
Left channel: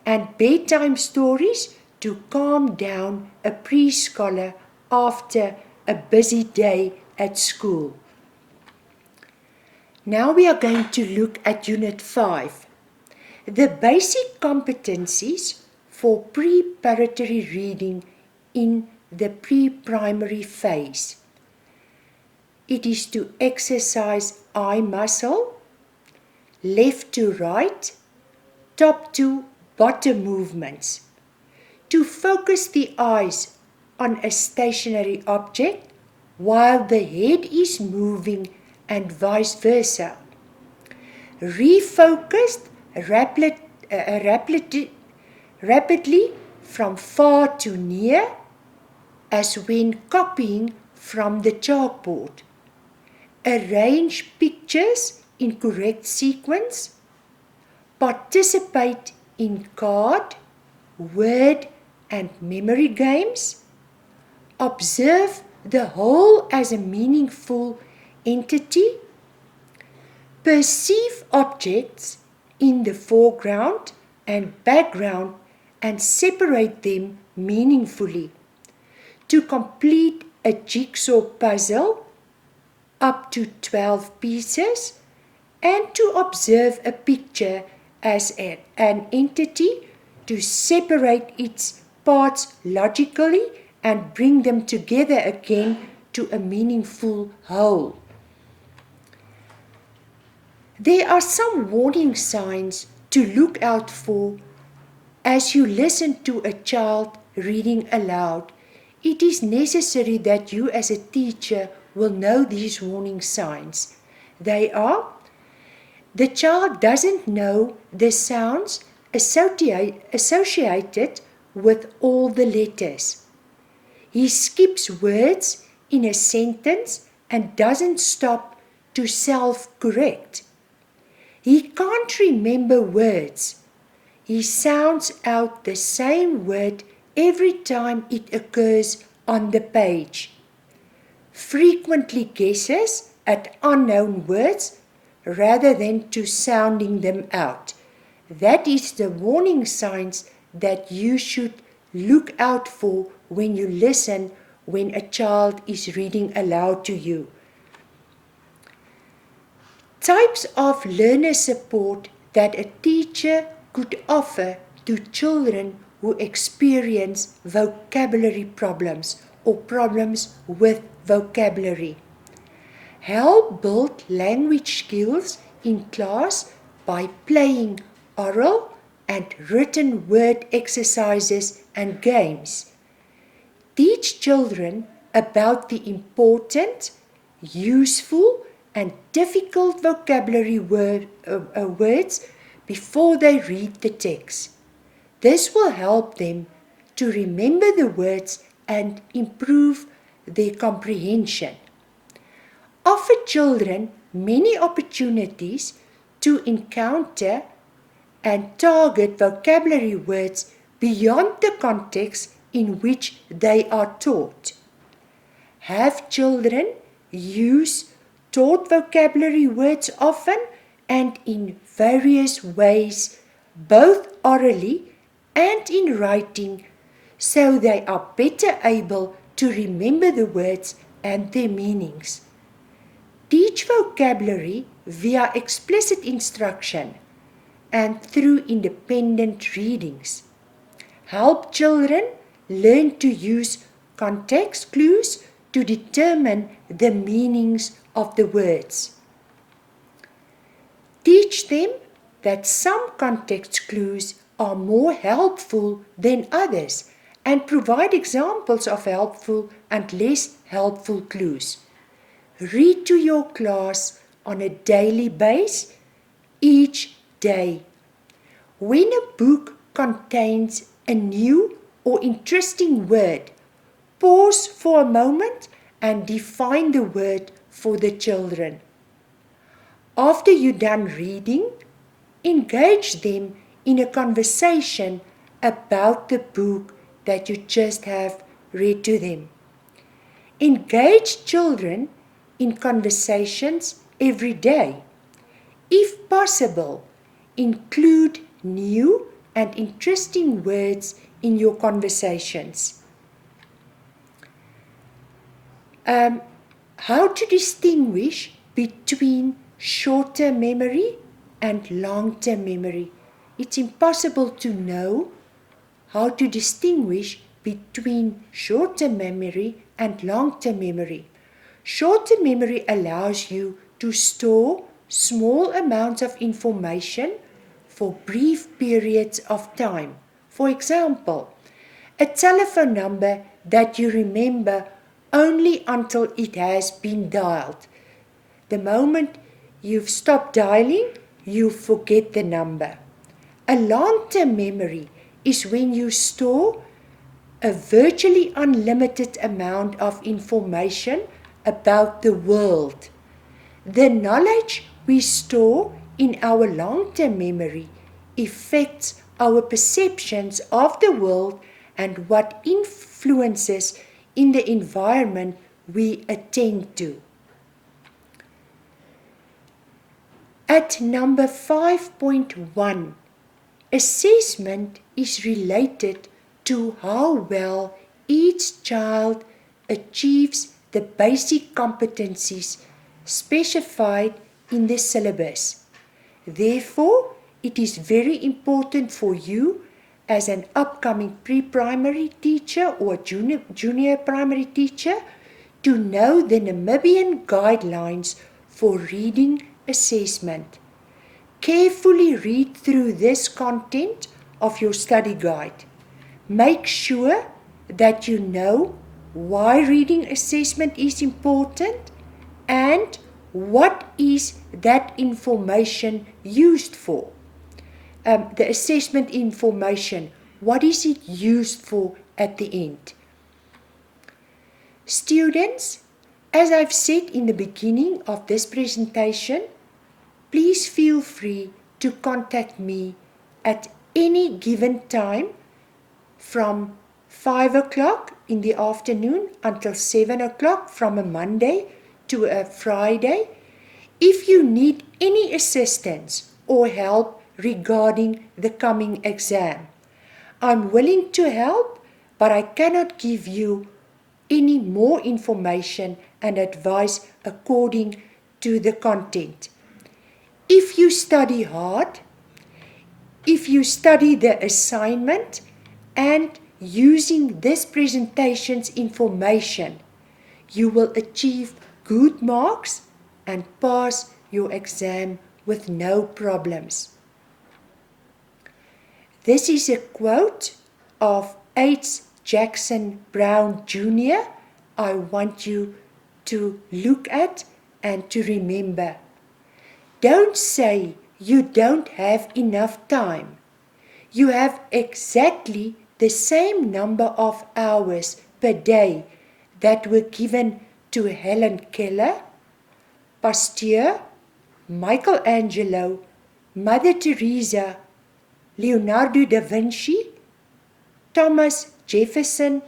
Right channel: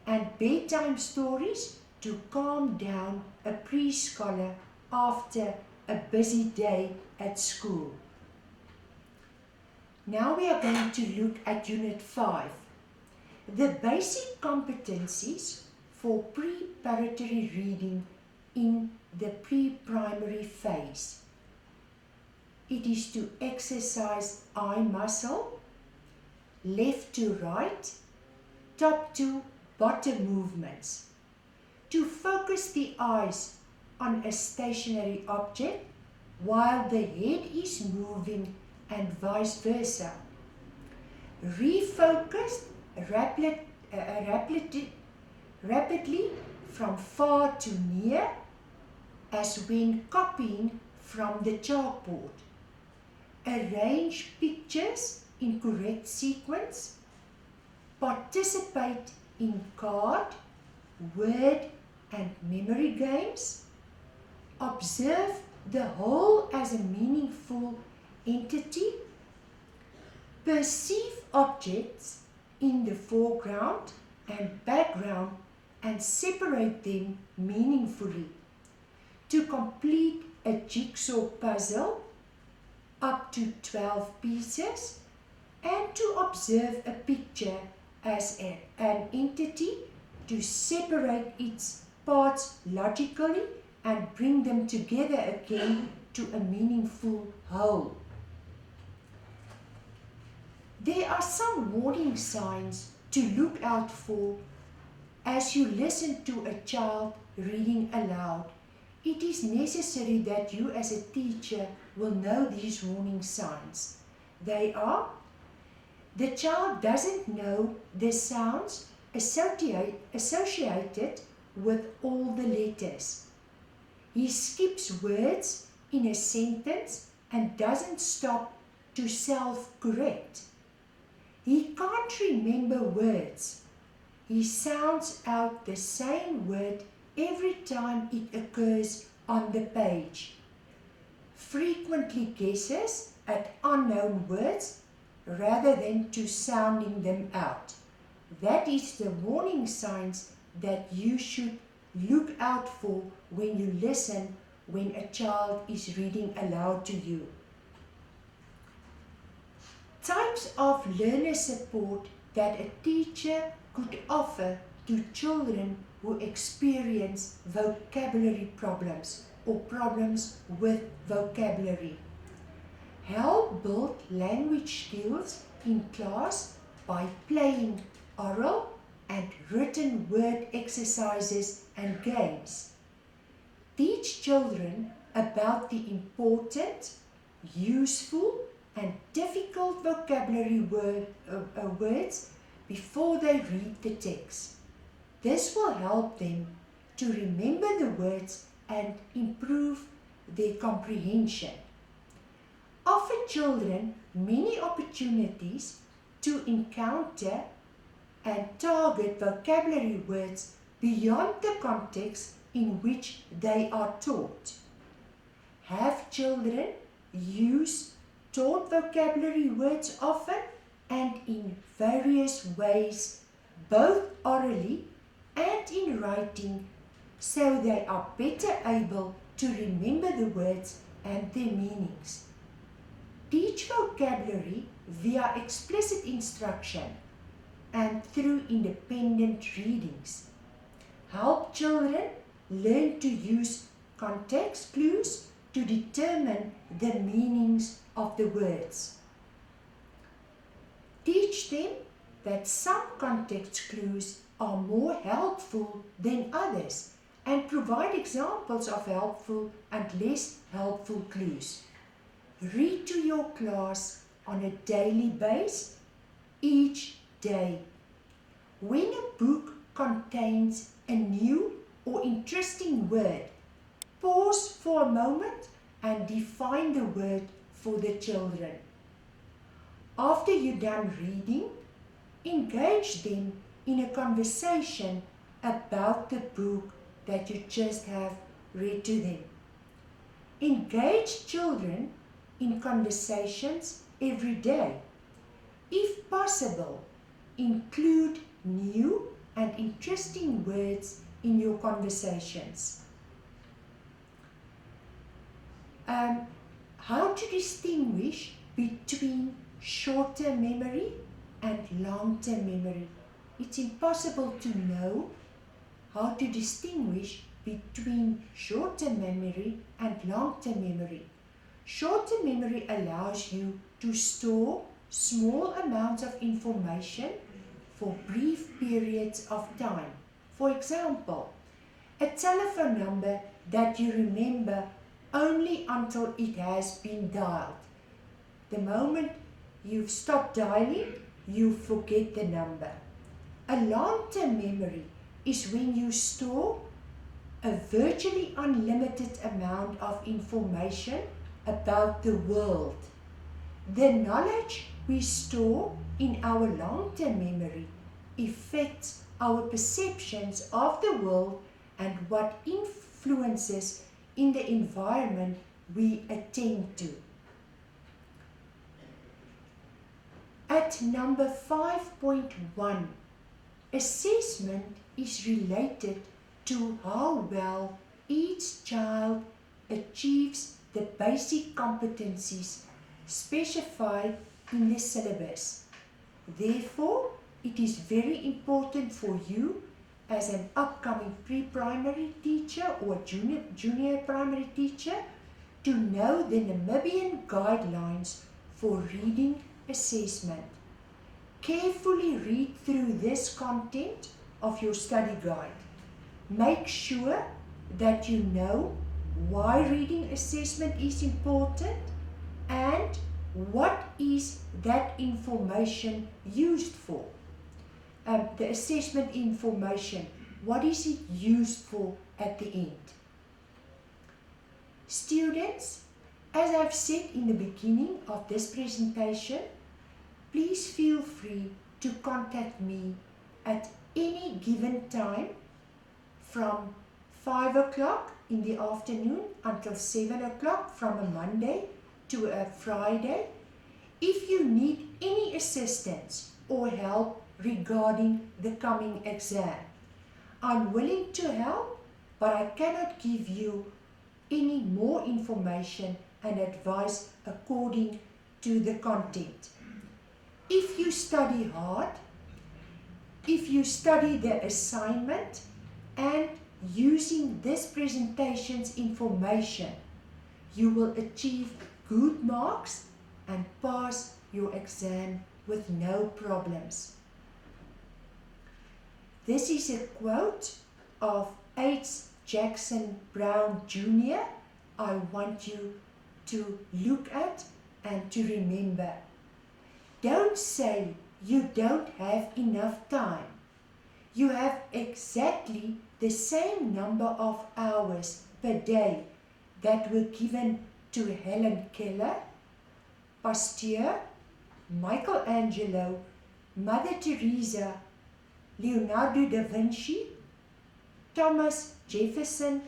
And bedtime stories to calm down a preschooler after a busy day at school. Now we are going to look at Unit 5. The basic competencies for preparatory reading in the pre-primary phase. It is to exercise eye muscle, left to right, top to bottom movements. To focus the eyes on a stationary object while the head is moving and vice versa. Refocused rapidly from far to near as when copying from the chalkboard. Arrange pictures in correct sequence. Participate in card, word and memory games. Observe the whole as a meaningful entity. Perceive objects in the foreground and background and separate them meaningfully. To complete a jigsaw puzzle up to 12 pieces and to observe a picture as an entity, to separate its parts logically and bring them together again to a meaningful whole. There are some warning signs to look out for as you listen to a child reading aloud. It is necessary that you as a teacher will know these warning signs. They are: the child doesn't know the sounds associated with all the letters. He skips words in a sentence and doesn't stop to self-correct. He can't remember words. He sounds out the same word every time it occurs on the page. Frequently guesses at unknown words rather than to sounding them out. That is the warning signs that you should look out for when you listen when a child is reading aloud to you. Types of learner support that a teacher could offer to children who experience vocabulary problems or problems with vocabulary. Help build language skills in class by playing oral and written word exercises and games. Teach children about the important, useful, and difficult vocabulary words before they read the text. This will help them to remember the words and improve their comprehension. Offer children many opportunities to encounter and target vocabulary words beyond the context in which they are taught. Have children use taught vocabulary words often and in various ways, both orally and in writing, so they are better able to remember the words and their meanings. Teach vocabulary via explicit instruction and through independent readings. Help children learn to use context clues to determine the meanings of the words. Teach them that some context clues are more helpful than others and provide examples of helpful and less helpful clues. Read to your class on a daily basis each day. When a book contains a new or interesting word, pause for a moment and define the word for the children. After you're done reading, engage them in a conversation about the book that you just have read to them. Engage children in conversations every day. If possible, include new and interesting words in your conversations. How to distinguish between short-term memory and long-term memory. It's impossible to know how to distinguish between short-term memory and long-term memory. Short-term memory allows you to store small amounts of information for brief periods of time. For example, a telephone number that you remember only until it has been dialed. The moment you've stopped dialing, you forget the number. A long-term memory is when you store a virtually unlimited amount of information about the world. The knowledge we store in our long-term memory affects our perceptions of the world and what influences in the environment we attend to. At number 5.1, assessment is related to how well each child achieves the basic competencies specified in the syllabus. Therefore, it is very important for you as an upcoming pre-primary teacher or junior primary teacher to know the Namibian guidelines for reading assessment. Carefully read through this content of your study guide. Make sure that you know why reading assessment is important and what is that information used for. The assessment information, what is it used for at the end? Students, as I've said in the beginning of this presentation, please feel free to contact me at any given time from 5 o'clock in the afternoon until 7 o'clock from a Monday to a Friday if you need any assistance or help regarding the coming exam. I'm willing to help, but I cannot give you any more information and advice according to the content. If you study hard, if you study the assignment and using this presentation's information, you will achieve good marks and pass your exam with no problems. This is a quote of H. Jackson Brown Jr. I want you to look at and to remember. Don't say you don't have enough time. You have exactly the same number of hours per day that were given to Helen Keller, Pasteur, Michelangelo, Mother Teresa, Leonardo da Vinci, Thomas Jefferson,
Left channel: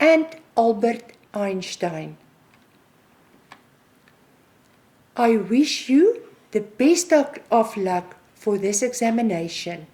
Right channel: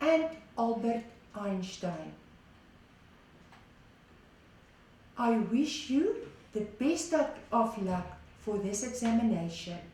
and Albert Einstein. I wish you the best of luck for this examination.